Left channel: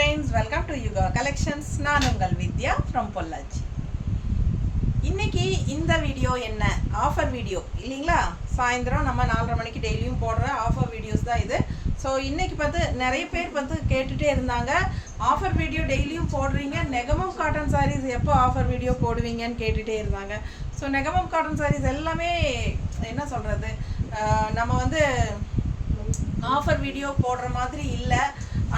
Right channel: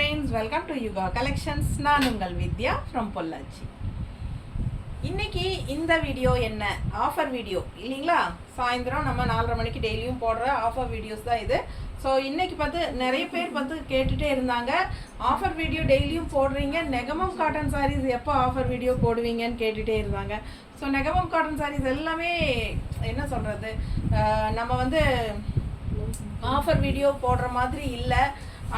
friends, welcome to Yuga Collections. நான் உங்கள் வித்யா from Pollachi. இன்னைக்கு இந்த வீடியோ என்ன ஆஃபர் வீடியோ இல்லைங்களா? சாயந்தரம் நம்ம 4:30 மணிக்கு டெய்லியும் போடுற ஆஃபர் வீடியோஸ் தான் இது. ஸோ இன்னைக்கு பார்த்து நிறைய பேர் வந்து கேட்டுகிட்டே இருந்தாங்க, ஆஃபர் வீடியோ டெய்லியும் போடுறீங்க, நெகமம் காட்டன் சாரீஸ் எப்போ ஆஃபர் வீடியோ போடுவீங்கன்னு கேட்டுகிட்டே இருந்தாங்க. ஸோ நெகமம் காட்டன் சாரீஸ் எல்லாமே என்ன சொல்கிறது, நம்ம வந்து ஆஃபர் வீடியோ போடுற மாதிரி இல்லை,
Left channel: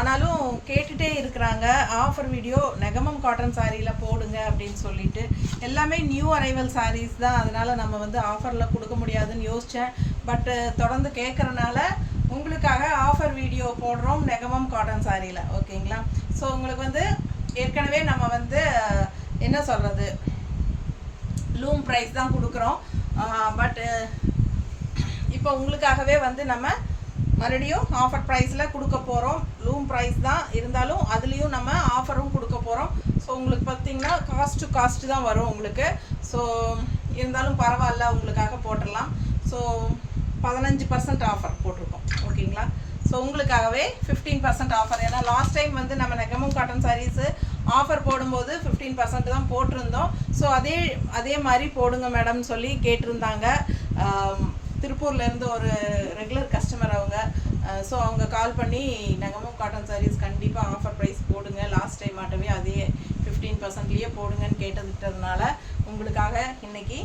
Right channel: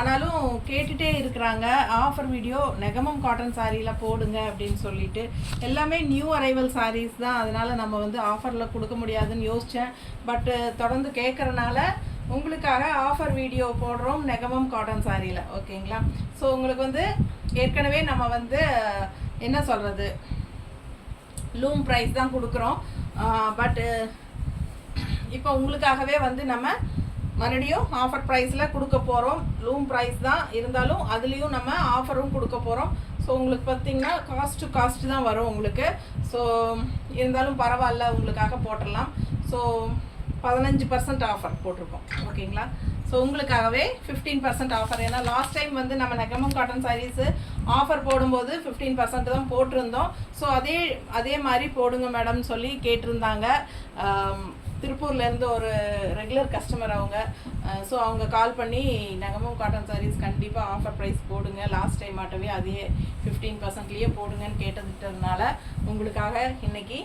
ஆனாலும் கேட்டுகிட்டே இருக்கிறாங்க ஆஃபர் வீடியோ நெகமம் காட்டன் சாரியில் போடுங்க அப்படின்னு சொல்லிட்டு. எல்லாமே நியூ அரைவல் சாரீஸ் தான், அதனால் நம்ம வந்து ஆஃபரில் கொடுக்க முடியாதுன்னு யோசித்தேன். பட்டு தொடர்ந்து கேட்குறனால உங்களுக்காக ஆஃபர் வீடியோ போடுறோம் நெகமம் காட்டன் சாரியில், ஓகேங்களா? ஸோ உங்களுக்கு வந்து ஏற்கனவே நம்ம வந்து என்ன சொல்கிறது, லூம் ப்ரைஸ் தான் கொடுக்குறோம். பட்டு இப்போ உங்களுக்காகவே வந்து நம்ம மறுபடியும் ஆஃபர் ப்ரைஸில் கொடுக்க போகிறோம். லூம் ப்ரைஸ் தான் இருந்தாலும் அதுலேயும் நம்ம ஆஃபரும் கொடுக்க போகிறோம். ஸோ உங்களுக்கு பார்த்திங்கன்னா காஸ்ட்டு தான் வரும் உங்களுக்கு. ஸோ இருந்தாலும் பரவாயில்ல, உங்களுக்காக போட்டுடலாம். ஸோ 15% ஆஃபர் போட்டிருக்கோம், ஓகேங்களா? ஸோ உங்களுக்காகவே 15% ஆஃபர். ஏன்னா லாஸ்ட் டைம் வந்து நம்ம நெகமம் காட்டன் சாரீஸு ஆஃபர் போடும்போது 15% தான் போட்டிருந்தோம். ஸோ அதே மாதிரி போடுங்க மேடம்னு சொல்லி கேட்டிருந்தாங்க. திருப்பூர்லேருந்து ஒரு ரெகுலர் கஸ்டமர் அவங்க. ஸோ அவங்க கால் பண்ணி நெகமம் காட்டன் சாரீஸ் கண்டிப்பாக ஆஃபர் ப்ரைஸ் போடுங்க, லாஸ்ட் டைம் ஆட்டவே அதே 15%லேயே போடுங்கன்னு கேட்டதுனால உங்களுக்காக இன்றைக்கி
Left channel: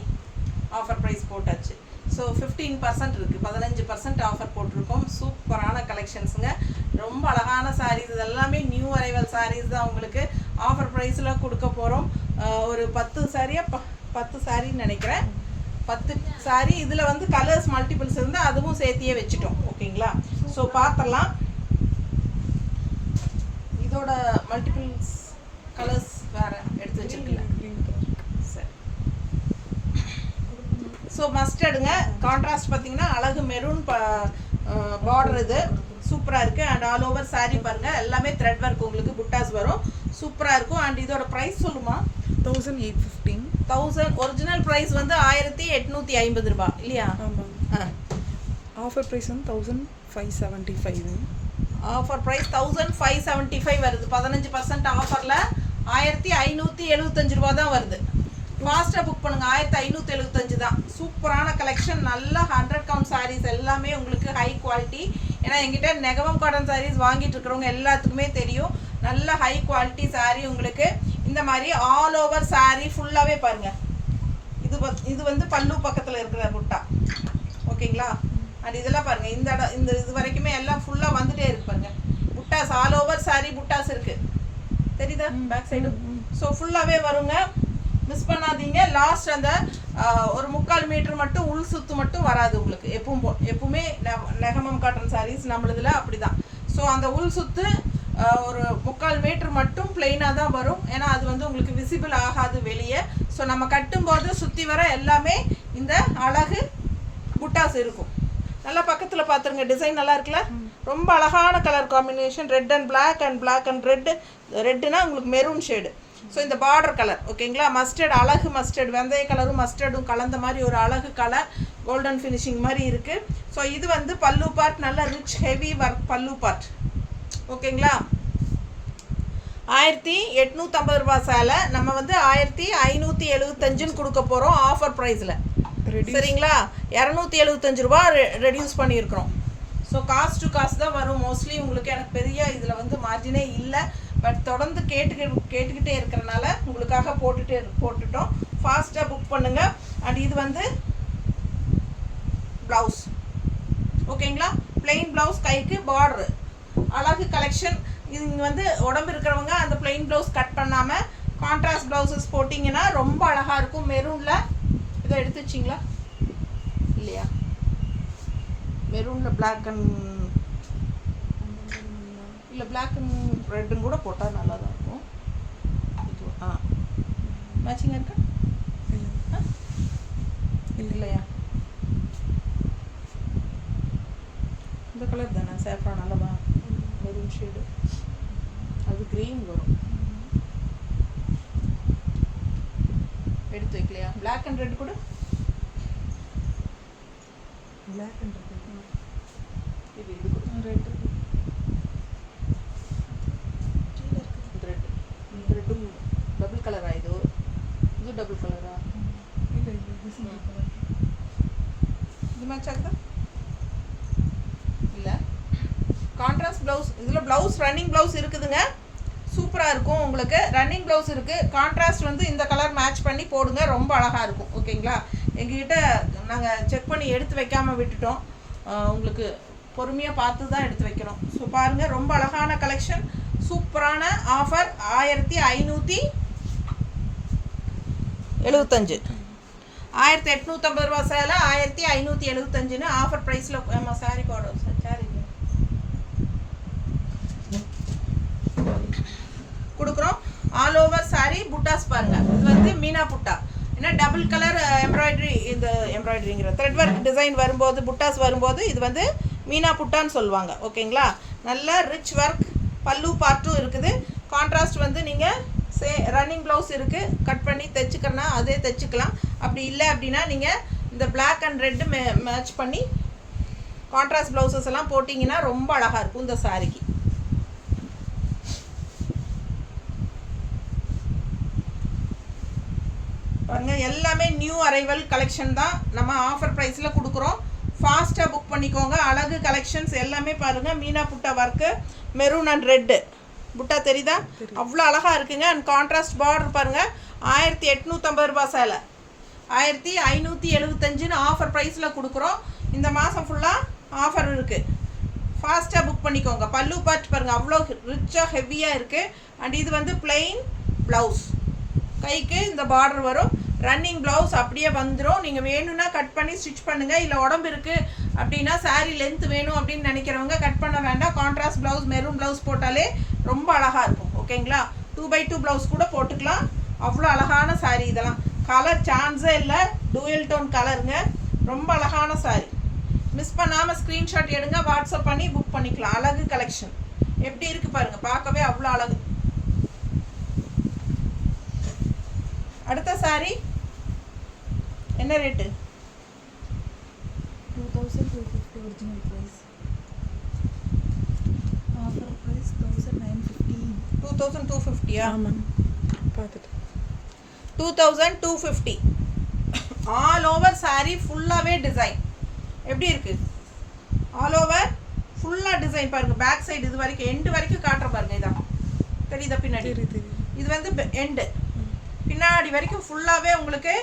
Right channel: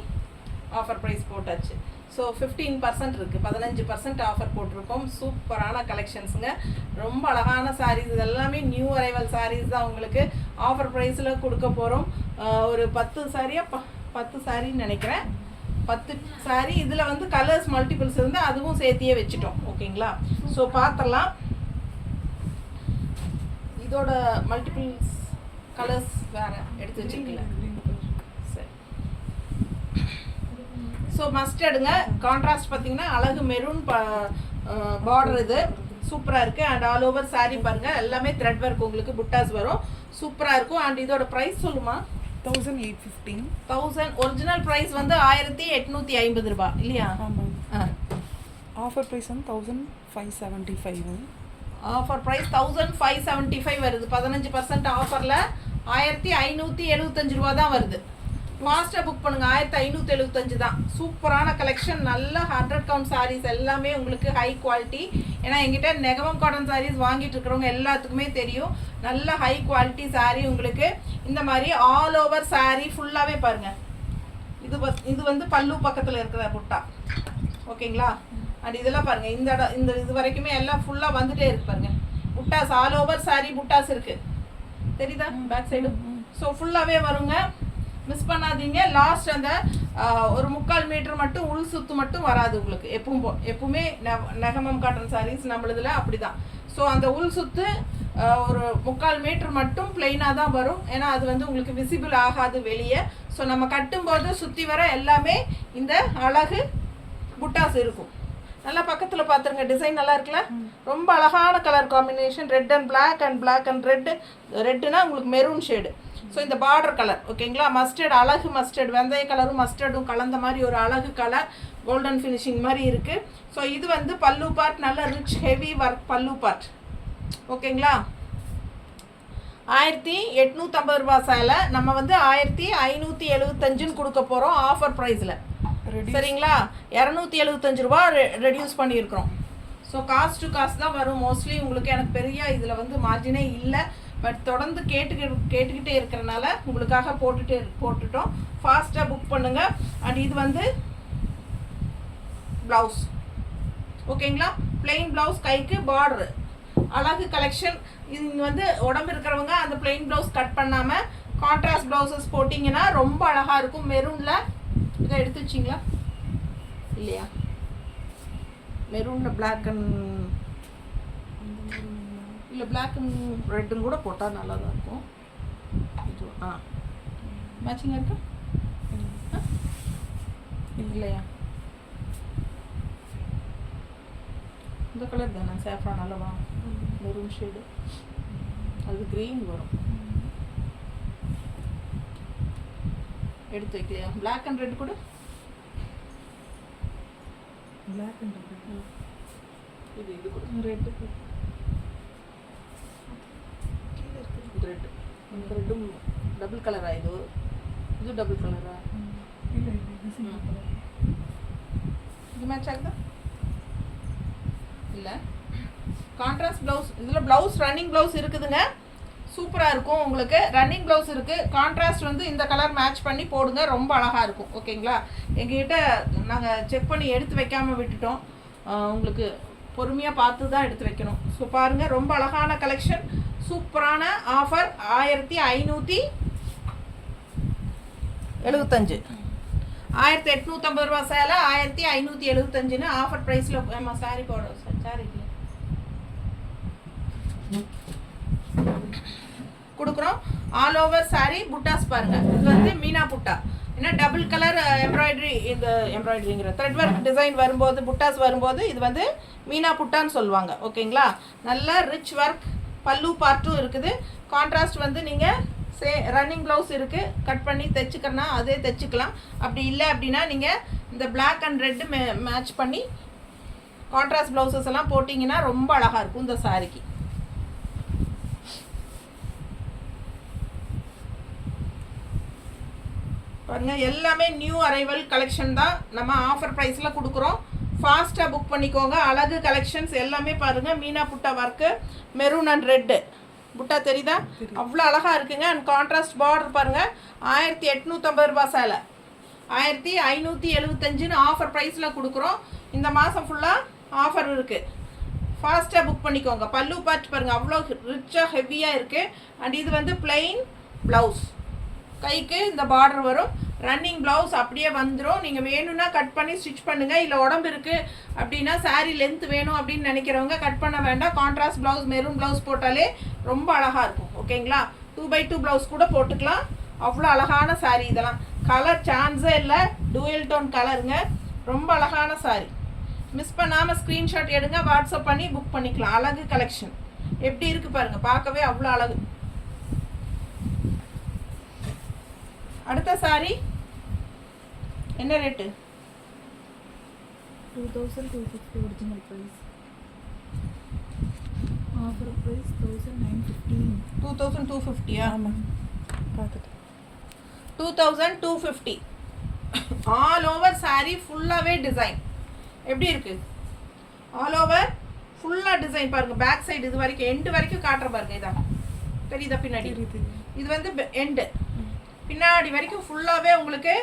ஆஃபர் ப்ரைஸ் போட்டாச்சு. ஸோ 15% இருக்குது, 15% ஆஃபர் போட்டிருக்கோம். சூப்பரான கலெக்ஷன்ஸுங்க, ரொம்ப அழகான சாரீஸ், இது எல்லாமே நியூ அரைவல் சாரீஸ் தான் உங்களுக்கு ஆஃபர் ப்ரைஸில் கொடுக்க போகிறோம். ஒரு 10 சாரின்னு நினைக்கிறேன், 10 சாரி. இதில் வந்து கலர்ஸ் மல்டிபிள்ஸ் இருந்து அதுவும் சேர்த்தியே வச்சுட்டோம், ஓகேங்களா? ஸோ பார்த்துடலாம். இதோட மல்டிபிள்ஸ் கலர்ஸ் வேறு எடுத்து வச்சுருக்கல. சரி, ஸோ மஸ்டர்டுங்க. கான்ட்ராஸ்ட் பார்த்தீங்கன்னா அழகு மெரூன் பார்டர், இது சூப்பராக இருக்குது. அண்ட் ஆல் ஓவர் சாரீ பாருங்கள், எல்லாமே த்ரெட் ஒர்க், உங்களுக்கு புட்டாஸ் வரும், சூப்பராக இருக்கும். அண்ட் இதோட ப்ரைஸ் சொல்லுமா? 1815. 1000 ஒரிஜினல் ப்ரைஸ் வந்து 1850 ரூபா இல்லையா? ஆமாம். ஆஃபர் ப்ரைஸ் வந்து 1575. ஆஃபர் ப்ரைஸ் 1575 வருது. 15% ஆஃபரில் 1575 ரூபா தான் வருது. ஃபாஸ்ட்டாக புக் பண்ணுங்கள், 1575 தான். சூப்பரான கலெக்ஷன், நல்ல 100 கவுண்ட் சாரீஸ், எல்லாமே உங்களுக்கு ஹை குவாலிட்டி. ஏன்னா எங்கிட்ட நெகமம் காட்டன் சாரீஸ் வாங்கிட்டு இருக்கிறவங்க எல்லாத்துக்குமே தெரியும், நல்ல ஹை குவாலிட்டி சாரீ உங்களுக்கு. இந்த மாதிரி ஆல் ஓவர் சாரீ ஃபுல்லாகவே பாருங்கள். இது வந்து பல்லு பக்கத்தில் இருக்கிற புட்டா, ஓகேங்களா? அண்ட் இதெல்லாம் பாருங்கள், இந்த இது வரைக்குமே எல்லாம் ஃபுல்லாக வந்துகிட்டே இருக்கு பாருங்கள். புட்டாஸ் ஆல் ஓவர் சாரீ புட்டாஸ் இருக்குது, தெரியுதா பேக் சைடு? ஸோ ஃபுல்லாகவே வருங்க, மிஸ் பண்ணாதீங்க. லாஸ்ட் அந்த ஒரு 3/4 மீட்டர் மட்டும் உள் சுத்து மட்டும் வராது உங்களுக்கு. எப்பவுமே நெகமம் காட்டன் சாரீஸ் நம்மளதுல அப்படி தான். ஸோ அந்த உள் சுத்து ஒரு 3/4 மீட்டர் மட்டும் பிளெயினாக தான் வரும். ஏன்னா அது வந்து உங்களுக்கு விசிபிள் ஆகாது வெளியே. ஸோ நம்ம கட்டும்போது சுற்றி வர எல்லாமே இந்த அழகு புட்டாஸ் இருக்கும். நல்லா பக்கத்தில் பார்த்துருங்க, டிசைன் நல்லா இருக்குல்ல, ரொம்ப அழகான colour combination, red and black and black and ரெட்டுனா உங்களுக்கு மெரூன் ஷேடு. ஸோ இந்த பார்டர் கலர், ஓகேங்களா? மஸ்டர்ட், அழகு மஸ்டர்ட், வெந்தய கலரும் மஸ்டர்டும் கலந்த மாதிரி ஒரு அழகு கலர், கோல்டன் ஃபினிஷிங் மாதிரி இருக்குது. ஸோ இது வந்து பல்லு பார்ட், நல்ல ரிச் ஹெவி ஒர்க் பல்லு பார்ட், ஓகேங்களா? 1850 ரூபா சேலை நம்ம வந்து 1575 கொடுக்க போகிறோம் ஆஃபர் ப்ரைஸில், சரிங்களா? 275 ரூபா ரெடியூஸ் பண்ணியிருக்கிறோம். ஸோ காஸ்ட் டு காஸ்ட் தான் வரும் மோஸ்ட்லி உங்களுக்கு. எனக்கு பெரிய இதில் வந்து மார்ஜினே இல்லை, பட் தொடர்ந்து கேட்டுக்கிட்டே இருக்கிறனால உங்களுக்காக போட்டுட்டோம். ஃபாஸ்ட்டாக புக் பண்ணுங்கள். அண்ட் இது வந்து ப்ளவுஸ், ஓகேங்களா? பிளெயின் ப்ளவுஸ், கைக்கு பார்டரு, அழகு கலெக்ஷன். இது வந்து உடம்பு இருக்கிறவங்க அந்த பிளெயின் ப்ளவுஸ் கட் பண்ணாமல் கான்ட்ராஸ்ட் ப்ளவுசஸ் போட்டிங்கன்னா ரொம்ப அழகாக இருக்கும். மெரூனில் இதை எடுத்து வச்சிங்களா இல்லையா? மெரூனில் பிளாக் அண்ட் இல்லை பிளாக் அண்ட் ரெட்டும் கூட போட்டால் நல்லா தான் இருக்கும். இது மேட்சிங்காக இருக்கா இல்லையா? இந்த கலர் தானே சேஃப்ரான், நல்லவா? மெரூன் ஷேடு, அது க்ரீன் வரும். எடுத்து வைக்கலையா? பிளாக் அண்ட் ரெட் கூட, பிளாக் அண்ட் ரெட், இது கூட ரெட். ரெண்டும் டபுள் கலரா இது டபுள் கலரா இல்லை இல்லை இது சிங்கிள் கலர். இது மேட்ச் ஆகுதா இல்லை கான்ட்ராஸ்ட் ப்ளவுஸ் இதில் ப்ளவுஸ் ரன்னிங் ப்ளவுஸ் இருக்குதுங்க சூப்பராக இருக்கும் உங்களுக்கு ரன்னிங் ப்ளவுஸ் இருக்குது கான்ட்ராஸ்ட் வந்து இந்த கலர் மேட்ச் பண்ணி போடுங்க ரொம்ப அழகாக இருக்கும் ஓகேங்களா எங்ககிட்ட நாங்கள் செக் பண்ணி எடுத்து வைக்காமல் விட்டுட்டோம் உங்களுக்கு பொறுமையாக பார்த்து தான் எடுத்து வைக்கணும் ஸோ பாருங்கள் ரொம்ப அழகான கலெக்ஷன் சூப்பரான ஆஃபர் 1575 1850 ரூபா சேலை 1575ன்னு ஆஃபர் ப்ரைஸில் நம்ம சாரி போடுறோம் சாரி கொடுக்குறோம் ஆல் ஓவர் சாரி புட்டாஸ் பாருங்க இது வந்து மீனா புட்டா ஏன்னா டபுள் கலர் எம்ப்ராய்டரி இந்த எம்ப்ராய்டரிங்கிற த்ரெட் ஒர்க் டிசைன் வரும்போது புட்டாஸ் வரும்போது இது வந்து மீனா புட்டான்னு சொல்லுவாங்க ஓகேங்களா நல்ல ரிச் ஒர்க் பல்லு பார்ட்டும் இருக்குது கான்ட்ராஸ்ட் வந்து நீங்கள் ரன்னிங் ப்ளவுஸ் இருக்குது கட் பண்ணி தைச்சிக்கணும்னா அதே தைச்சிக்கலாம் அப்படி இல்லை அப்படின்னா நீங்கள் இந்த பிளாக் அண்ட் ரெட்டு மேட்ச் பண்ணி கான்ட்ராஸ்ட் ப்ளவுசஸ் எல்லாம் போட்டிங்கன்னா ரொம்ப அழகாக இருக்கும் இந்த சாரிக்கு பாருங்க எல்லாமே நியூ அரைவல் கலெக்ஷன் தான் நம்ம ஆஃபர் ப்ரைஸில் கொடுக்குறோம் ஃபாஸ்ட்டாக புக் பண்ணிக்கோங்க அழகு கலெக்ஷன்ஸ் எல்லாமே பாருங்கள் மீனா புட்டா ஒர்க்கு மெரூன் அண்ட் ரெட்டு புட்டா தெரியுதா அவ்வளோ அழகாக இருக்குங்க அண்ட் கான்ட்ராஸ்ட் பார்டர் பாருங்கள் 1850 ரூபா சேலை 1575ன்னு ஆஃபர் ப்ரைஸில் கொடுக்குறோம் இந்த மாதம் ஃபுல்லாக ஆஃபர் இருக்குது ஃபாஸ்ட்டாக புக் பண்ணிக்கோங்க பல்லு பார்ட் பாருங்கள் அவ்வளோ ரிச்சாக ஹெவியாக இருக்குது அண்ட் இது வந்து பிளெயின் ப்ளவுஸ் கைக்கு இந்த பார்டர் வரும் ரன்னிங் ப்ளவுஸ் அப்படியே வந்துடும் நீங்கள் வேணும்னா கட் பண்ணி ஸ்டிச் பண்ணுங்கள் இல்லை உடம்பு இருக்குது அப்படின்னா சாரீ லென்த் வேணும் அப்படின்னு நினைக்கிறவங்க கட் பண்ண வேண்டாம் கான்ட்ராஸ்ட் ப்ளவுஸ் மெரூன் ப்ளவுஸ் போட்டாலே ரொம்ப அழகாக இருக்கும் ஓகேங்களா 2x2 ப்ளவுஸ் கூட போட்டுக்கலாம் அவ்வளோ அழகான சாரீ இதெல்லாம் கலர் சான்ஸே இல்லை டூயல் டோன் கலருங்க ரொம்ப அழகான சாரீ மிஸ் பண்ணாமல் ஸ்க்ரீன்ஷாட் எடுங்க வாட்ஸ்அப் பண்ணி புக் பண்ணிக்கலாம் அழகு கலெக்ஷன் எப்படி இருக்குது பாருங்கள் பார்க்கவே அவ்வளோ அழகு அடுத்த சாரி என்ன rate 2250 original price offer price 1950 2250 ஆமாம் பார்த்துட்டு 2250 ஆல் ஓவர் சாரி ஃபுல்லாகவே டிசைன் எப்படி இருக்குது ஆல் ஓவர் ஃபுல்லாக டிசைன் பாருங்கள் பேக் சைடு இது வரைக்கும் எண்டு வரைக்கும் காட்டுற பாருங்க இதான் தெரியுதா பின்னாடி இது வந்து எண்டு பின்னாடி வரைக்கும் ஃபுல்லாகவே உங்களுக்கு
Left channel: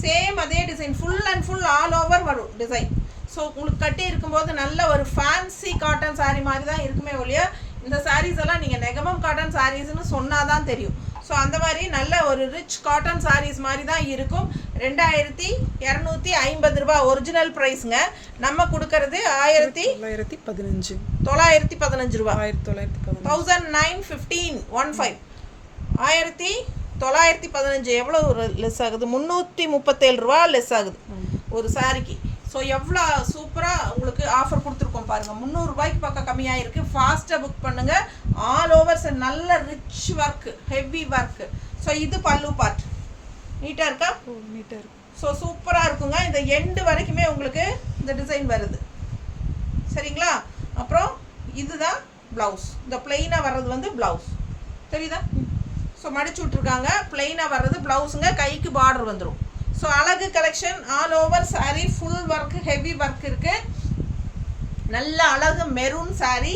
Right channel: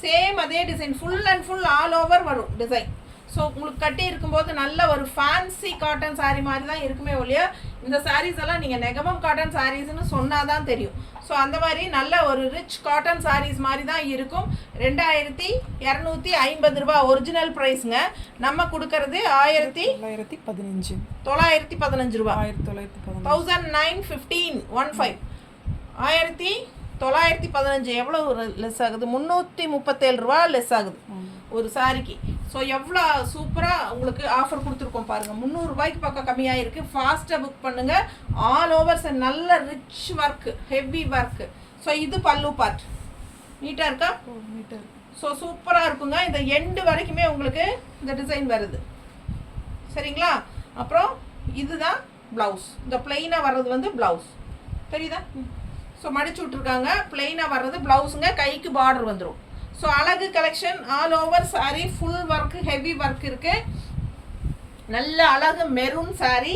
சேம் அதே design full and full all over வரும் டிசைன் ஸோ உங்களுக்கு கட்டி இருக்கும்போது நல்ல ஒரு ஃபேன்சி காட்டன் சாரீ மாதிரி தான் இருக்குமே ஒழிய இந்த சாரீஸ் எல்லாம் நீங்கள் நெகமம் காட்டன் சாரீஸ்னு சொன்னால் தான் தெரியும் ஸோ அந்த மாதிரி நல்ல ஒரு ரிச் காட்டன் சாரீஸ் மாதிரி தான் இருக்கும் 2250 ரூபா ஒரிஜினல் ப்ரைஸுங்க நம்ம கொடுக்கறது 1915 ரூபா 1915 1915 எவ்வளோ லெஸ் ஆகுது 337 ரூபா லெஸ் ஆகுது ஒரு சாரிக்கு ஸோ எவ்வளோ சூப்பராக உங்களுக்கு ஆஃபர் கொடுத்துருக்கோம் பாருங்கள் 300 ரூபாய்க்கு பக்கம் கம்மியாக இருக்குது ஃபாஸ்ட்டாக புக் பண்ணுங்கள் ஆல் ஓவர்ஸ் நல்ல rich work heavy work so இது பல்லு பார்ட் நீட்டாக இருக்கா நீட்டாக இருக்கு ஸோ சூப்பராக இருக்குங்க இந்த எண்டு வரைக்குமே உங்களுக்கு இந்த டிசைன் வருது சரிங்களா அப்புறம் இதுதான் ப்ளவுஸ் இந்த பிளெயினாக வர்றது வந்து ப்ளவுஸ் தெரியுதா ஸோ மடிச்சு விட்ருக்காங்க பிளெயினாக வர்றது ப்ளவுஸுங்க கைக்கு பார்டர் வந்துடும் ஸோ அழகு collection all over sari full work heavy work இருக்குது நல்ல அழகு மெரூன் சாரீ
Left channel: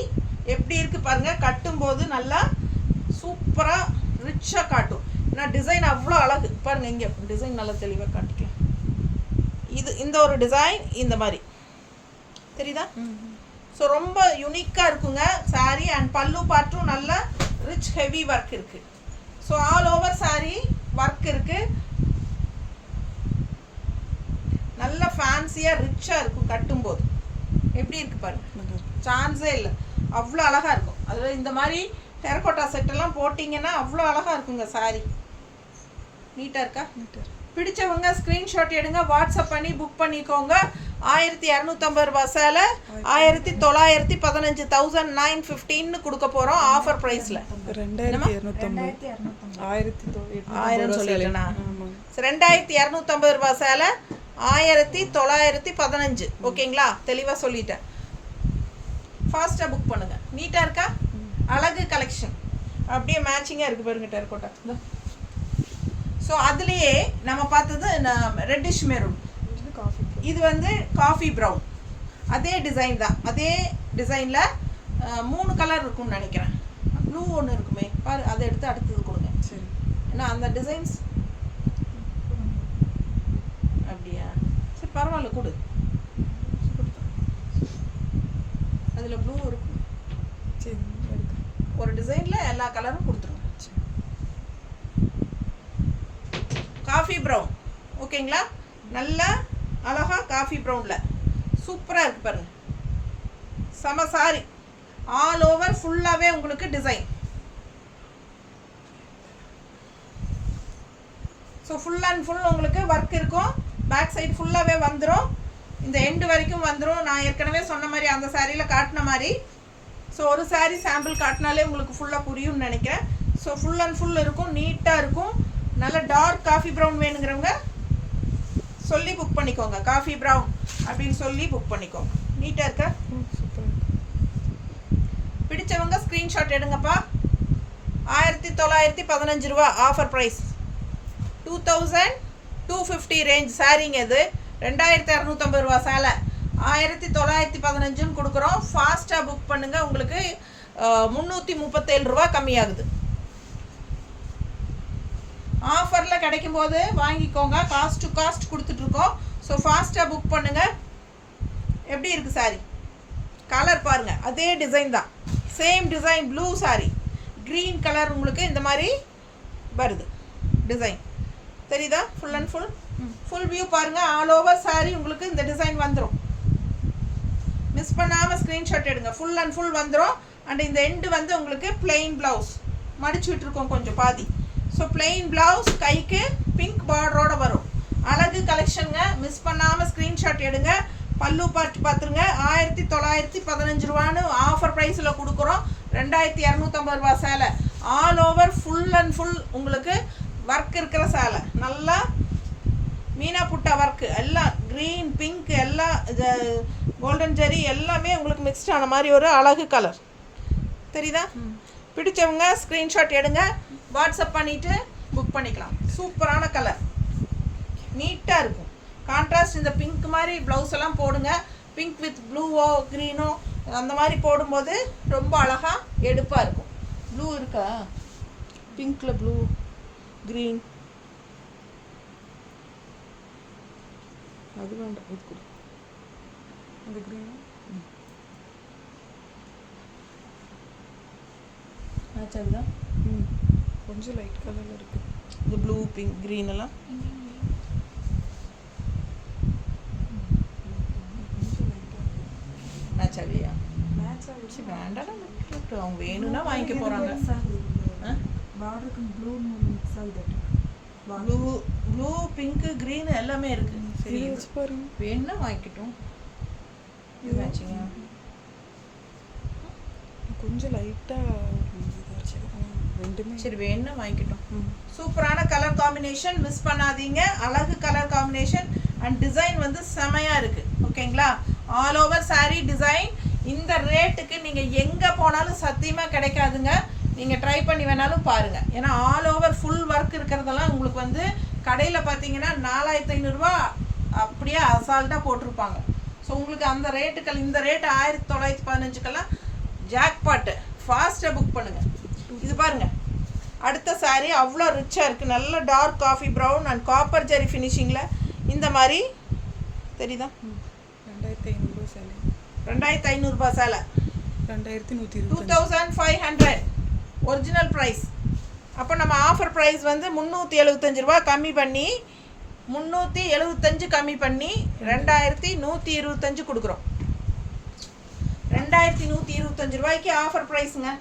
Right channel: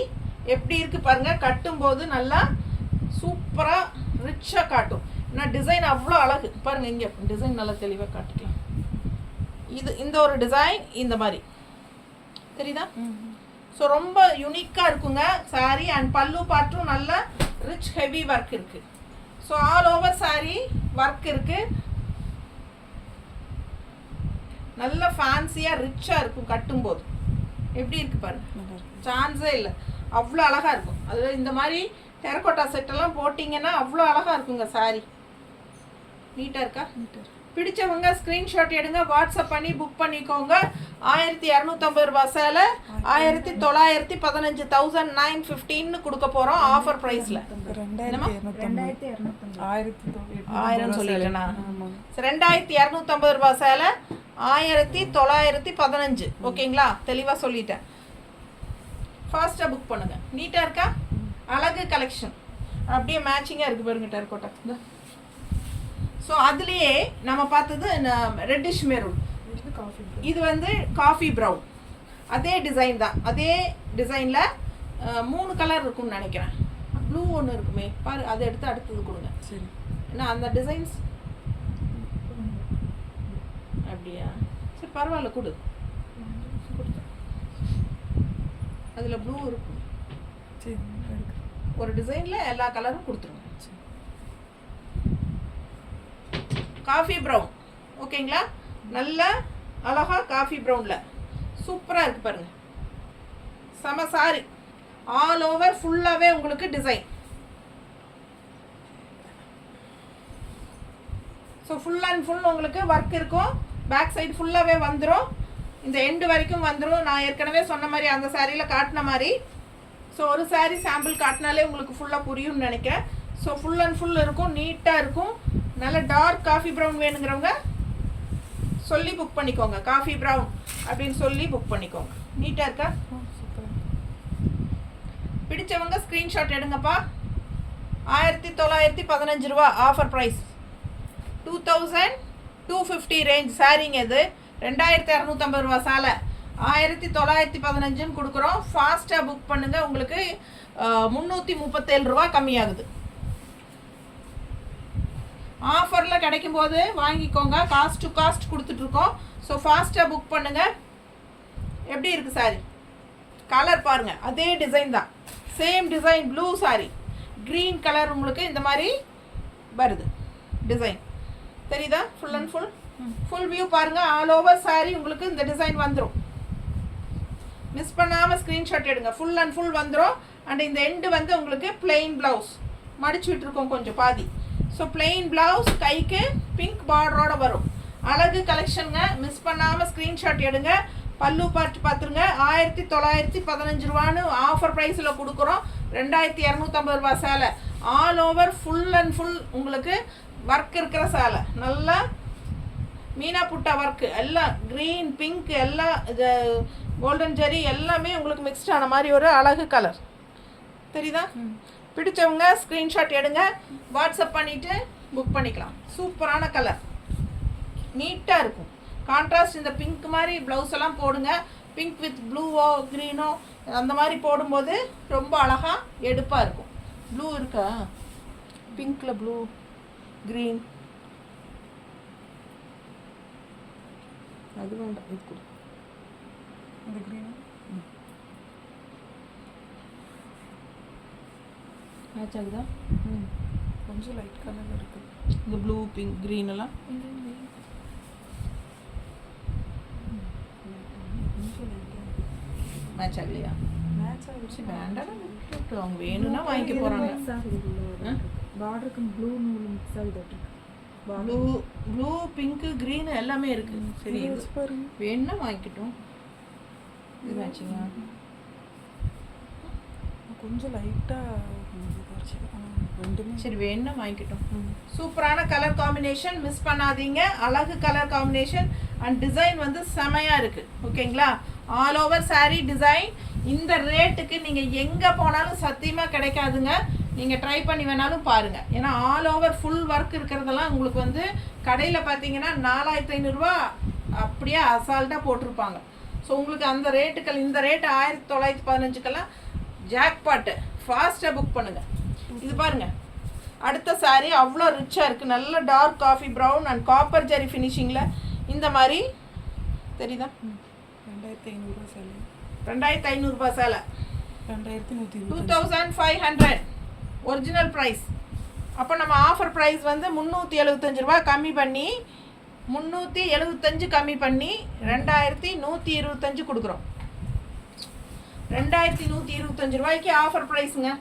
எப்படி இருக்குது பாருங்கள் கட்டும்போது நல்லா சூப்பராக ரிச்சாக காட்டும் ஏன்னா டிசைன் அவ்வளோ அழகு பாருங்கள் இங்கே டிசைன் நல்லா தெளிவாக காட்டிக்கலாம் இது இந்த ஒரு டிசைன் இந்த மாதிரி தெரியுதா ஸோ ரொம்ப யூனிக்காக இருக்குங்க சாரீ அண்ட் பல்லு பார்ட்டும் நல்ல ரிச் ஹெவி ஒர்க் இருக்குது so all over sari work இருக்குது நல்ல ஃபேன்சியாக ரிச்சாக இருக்கும் கட்டும்போது எப்படி இருக்குது பாருங்க சான்ஸே இல்லை அவ்வளோ அழகாக இருக்கும் அதில் இந்த மாதிரி டெரக்கோட்டா செட்டெல்லாம் போட்டிங்கன்னா அவ்வளோ அழகாக இருக்குங்க சாரீ நீட்டாக இருக்கா நீட்டாக பிடிச்சவங்க ஸ்க்ரீன்ஷாட் எடுங்க வாட்ஸ்அப் பண்ணி புக் பண்ணிக்கோங்க 1250 ரூபா சேலை 1915 1915 கொடுக்க போகிறோம் ஆஃபர் ப்ரைஸில் 2250 ரூபா சேலை 1915 ஓகேங்களா தெளிவாக சொல்லிட்டேன் ஃபாஸ்ட்டாக புக் பண்ணுங்கள் நீட்டாக இருக்கா அழகு கலெக்ஷன் அப்படியே மேட்சிங்காக இருக்குது பாருங்க டெரகோட்டா. ஸோ அதுலேயே நம்ம பார்த்தது ரெட்டிஷ் மெரூன், இது காஃபி இது வந்து காஃபி ப்ரௌன். அதே டிசைன் தான், அதே டிசைனில் 3 கலர் இருக்கும்னு நினைக்கிறேன். ப்ளூ ஒன்று இருக்குமே பாரு, அதை எடுத்து அடுத்தது கொடுங்க. சரி. ஏன்னா அந்த டிசைன்ஸ் அப்படியா, சரி பரவாயில்ல கொடு. அதில் ப்ளூ இருக்கும். சரி எடுத்து ஒரு டிசைனில் எல்லா கலரும் கொடுத்துருங்க. காஃபி ப்ரௌன் ஓகேங்களா, நல்ல அழகா காஃபி ப்ரௌனில் சூப்பராக இருக்குது பாருங்கள். செம சாரி, ஆல் ஓவர் ஃபுல்லாகவே உங்களுக்கு design. So full and full உங்களுக்கு ஒர்க் இருக்கும். பேக் சைடு ஃபுல்லாகவே வந்துடும், இந்த எண்டு வரைக்கும் வந்துடும். நான் ஏற்கனவே சொன்ன மாதிரி அந்த சாரியில் காட்டின மாதிரி. ஸோ ஒரு சாரீ சாம்பிள் காட்டினாலே உங்களுக்கு ஃபுல்லாக புரியும்னு நினைக்கிறேன். ஸோ ஃபுல் அண்ட் ஃபுல் இருக்கும், நீட்டாக இருக்கும். நல்ல டார்க் காஃபி ப்ரௌன் வேணுங்கிறவங்க சொல்லி புக் பண்ணிக்கோங்க. காஃபி ப்ரௌன் அப்படின்னு சொல்லி புக் பண்ணிக்கோங்க. நீட்டாக இருக்கா? சூப்பர். பிடிச்சவங்க ஸ்க்ரீன்ஷாட் எடுங்கப்பா. 1915 ரூபா ஆஃபர் ப்ரைஸ். 2250 ரேஞ்ச் சாரிங்க. இது 2650 ரூபா சேலை 1915 கொடுக்குறோம். ஃபாஸ்ட்டாக புக் பண்ணுங்கள், உங்களுக்கு 337 ரூபா கம்மியாகுது. ஆஃபரில் கிடைக்கும் போது வாங்கிக்கோங்க, காஸ்ட் டு காஸ்ட் கொடுத்துட்ருக்கோம். ஸோ ஃபாஸ்ட்டாக புக் பண்ணுங்கள். எப்படி இருக்குது சாரி? கலர் பாருங்கள், அதே டிசைன் தான், same design. Blue sorry, green colour உங்களுக்கு இந்த மாதிரி வருது டிசைன், தெரியுதா? ஃபுல் அண்ட் ஃபுல் வியூ பாருங்கள். ஆல் ஓவர் சாரி உங்களுக்கு இந்த டிசைன் வந்துடும். மிஸ் பண்ணாமல் ஸ்க்ரீன்ஷாட் எடுங்க. ஃபுல் அண்ட் ஃபுல் வந்துடும். அண்ட் இந்த எண்டு வந்து உங்களுக்கு பிளெயின் ப்ளவுஸ் மடிச்சு விட்டுருக்கோம் கொஞ்சம் பாதி. ஸோ பிளெயின் ப்ளவுஸ், கைக்கு பிங்க் பார்டரோட வரும். அழகு கலெக்ஷனுங்க, மிஸ் பண்ணாமல் ஸ்க்ரீன்ஷாட் எடுங்க. பல்லு பார்த்துருங்க. 1915 ரூபான்னு ஆஃபர் ப்ரைஸில் கொடுக்குறோம். 2250 ரூபா சேலை. All over full and full உங்களுக்கு ஒர்க் இருக்கிற சேலை. நல்லா மீனா புட்டா ஒர்க்கு, எல்லாம் க்ரீன் பிங்க் எல்லாம் கோல்டன் ஜெரி எல்லாமே உங்களுக்கு மிக்ஸ்ட் ஆன மாதிரி ஒரு அழகு கலர். தெரியுதா? பிடிச்சவங்க ஸ்க்ரீன்ஷாட் எடுங்க, வாட்ஸ்அப் பண்ணிவிட்டு புக் பண்ணிக்கலாம். சூப்பரான கலர், நீட்டாக இருக்கும். கான்ட்ராஸ்ட் இந்த பிங்க் மாதிரி ப்ளவுஸ் எல்லாம் போடுங்க. பிங்க் வித் ப்ளூவோ க்ரீனோ அந்த மாதிரி போடும்போது ரொம்ப அழகாக எடுப்பாக இருக்கும். ப்ளூ இருக்கா? பிங்க்கில் ப்ளூ க்ரீன் அது வேண்டாம், இது கொடு. இந்த க்ரீன் மேட்ச் ஆகுதா? கொஞ்சம் லைட் கலரில் இருக்குது. இந்த ப்ளூ பிங்க் க்ரீன் எல்லாம் கொஞ்சம் லைட்டாக மேட்ச் ஆகலையா? மேட்ச் ஆகிடுச்சு. வேண்டாம், அவங்க வேணும்னா வாங்கிக்க போகிறாங்க. பார்டருக்கு ப்ளூ நூல் மிக்ஸ் ஆகுது. ப்ளூ ப்ளூ பிங்க்கு க்ரீன் எல்லாமே இருக்குது. சரி வச்சு பாருங்க, வேணும்னா வாங்கிக்கிட்டோம். இது மேட்சிங்கா? கொஞ்சம் லைட்டாக இதாச்சு. ரெண்டுமே சரி வேணும்னா வாங்கிக்கிட்டோம். சூப்பரான கலர் காம்பினேஷன், மிஸ் பண்ணாதீங்க. அழகு கலர் காம்பினேஷன் அண்ட் டிசைன் வந்து செமையாக இருக்குது. ஓகேங்களா? All over sari design. இந்த ரேட்டுக்கு நீங்கள் எங்கே போனாலும் சத்தியமாக கிடைக்காதுங்க. நீங்கள் ட்ரை பண்ணி வேணாலும் பாருங்கள். ஏன்னா ஆல் ஓவர் ஃபுல் ஒர்க் இருக்கிறதெல்லாம் உங்களுக்கு வந்து கடையில் பார்த்தீங்கன்னா 4500 ரூபா அப்படியே அசால்ட்டாக போட்டிருப்பாங்க. ஸோ உங்களுக்கு அந்த ரேட்டுக்கள், இந்த ரேட்டு 1915க்கெல்லாம் ஜாக்பாட்டு. ஃபாஸ்ட்டாக புக் பண்ணுங்கள். இது பாருங்கள், அடுத்த சாரீ அவ்வளோ ரிச்சாக இருக்குது. நல்ல dark coffee brown and copper zari ஃபினிஷிங்கில் இந்த மாதிரி தெரியுதா? 2500 ரூபா சேலை. 2500 ரூபா சேலை 2120. 2500 ஒரிஜினல் ப்ரைஸ். அப்போ நம்ம ஆஃபர் ப்ரைஸ் வந்து 375 ரூபா கம்மி பண்ணி 375 கம்மி பண்ணி 2125 கொடுக்குறோம். 2125 ரூபாய்க்கு ஆஃபர் ப்ரைஸுங்க.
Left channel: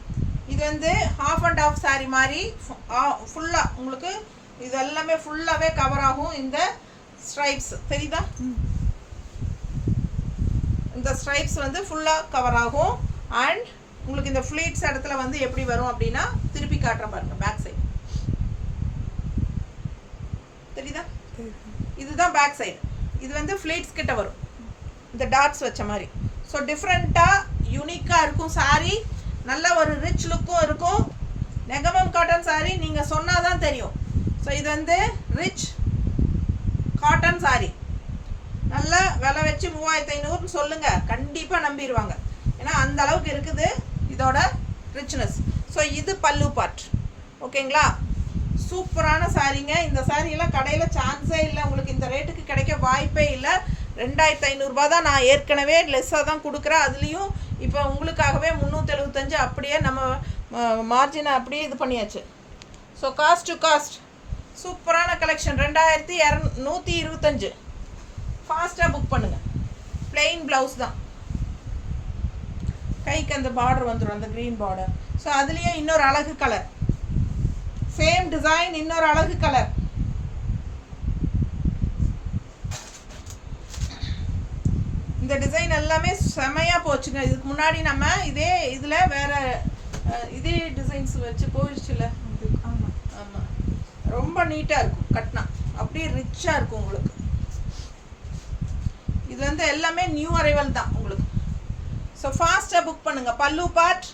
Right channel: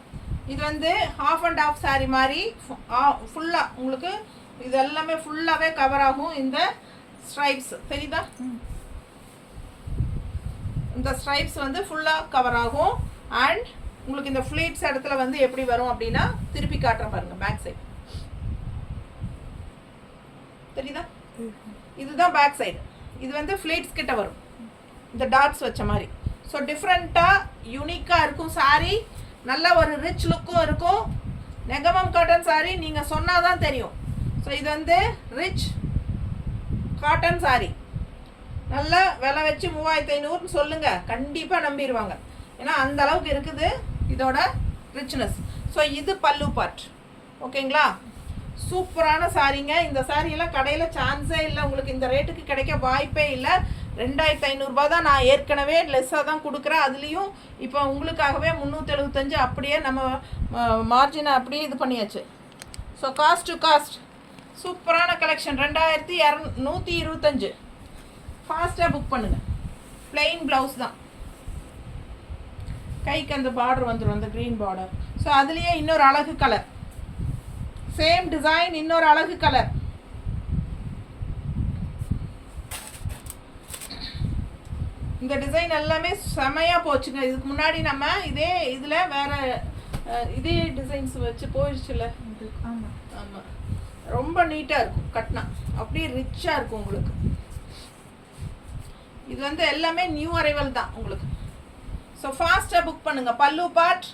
இது வந்து ஹாஃப் அண்ட் ஆஃப் சாரீ மாதிரி ஃபுல்லாக உங்களுக்கு இது எல்லாமே ஃபுல்லாகவே கவர் ஆகும். இந்த ஸ்ட்ரைப்ஸ் தெரியுதா? இந்த ஸ்ட்ரைப்ஸ் வந்து ஃபுல்லாக கவர் ஆகும். அண்ட் உங்களுக்கு இந்த ஃப்ளீட்ஸ் இடத்துல வந்து எப்படி வரும் அப்படின்னா திருப்பி காட்டுறேன் பாருங்கள். பேக் சைடு தெரியுதா? இதுதான் பேக் சைடு. இது வந்து ஃப்ளீட்ஸ் கிட்ட வரும், இந்த டாட்ஸ் வச்ச மாதிரி. ஸோ டிஃப்ரெண்ட்டாக யூனிக்காக இருக்கும் சாரீ. நல்ல ஒரு ரிச் லுக்கும் இருக்கும். நெகமம் காட்டன் சாரி நீங்கள் சொன்னால் தான் தெரியும். ஸோ இது வந்து ரிச் காட்டன் சாரி. நல்ல விலை வச்சு 3500 சொல்லுங்கள், கண்டிப்பாக நம்பிடுவாங்க. ஏன்னா அந்த அளவுக்கு இருக்குது இதோட ரிச்னஸ். ஸோ இது பல்லு பார்ட். ஓகேங்களா? சூப்பரான சாரீங்க. இந்த சாரியெல்லாம் கடையில் சான்ஸே இல்லை, உங்களுக்கு இந்த ரேட்டுக்கு கிடைக்க வாய்ப்பே இல்லை. 2500 தான். நான் ஏற்கனவே லெஸ்ஸாக தான் கொடுக்குறேன். அதுலேயும் இப்போ உங்களுக்காகவே 375 அப்படியே நம்ம மார்ஜினை அப்படியே இது பண்ணியாச்சு. ஸோ காஸ்ட் டு காஸ்ட் சூப்பரான கலெக்ஷன். 2125. ஃபாஸ்ட்டாக புக் பண்ணுங்கள். ப்ளெயின் ப்ளவுஸ் தான், கைக்கு அந்த பார்டர் வந்துடும், அந்த க்ரீன் பார்டர். ஸோ அதுலேயே இன்னொரு அழகு கலர், சேம் டிசைன், இன்னொரு அழகு கலர். இந்த டிசைன் எல்லாமே செமையாக போச்சுங்க. இதுக்கு முன்னாடி நம்ம இதே இதில் வேறு இதே டிசைன்ஸ் வச்சு போயிடுச்சுல. ஆமாம் ஆமாம், ரொம்ப நீட்டாக இருக்கும் கட்டினா, அப்படியே ரிச்சாக இருக்கும் உங்களுக்கு. இது வந்து எல்லாமே நியூ அரைவல் தான் உங்களுக்கு. ஸோ ஃபாஸ்ட்டாக புக் பண்ணுங்கள். பல்லு பார்ட்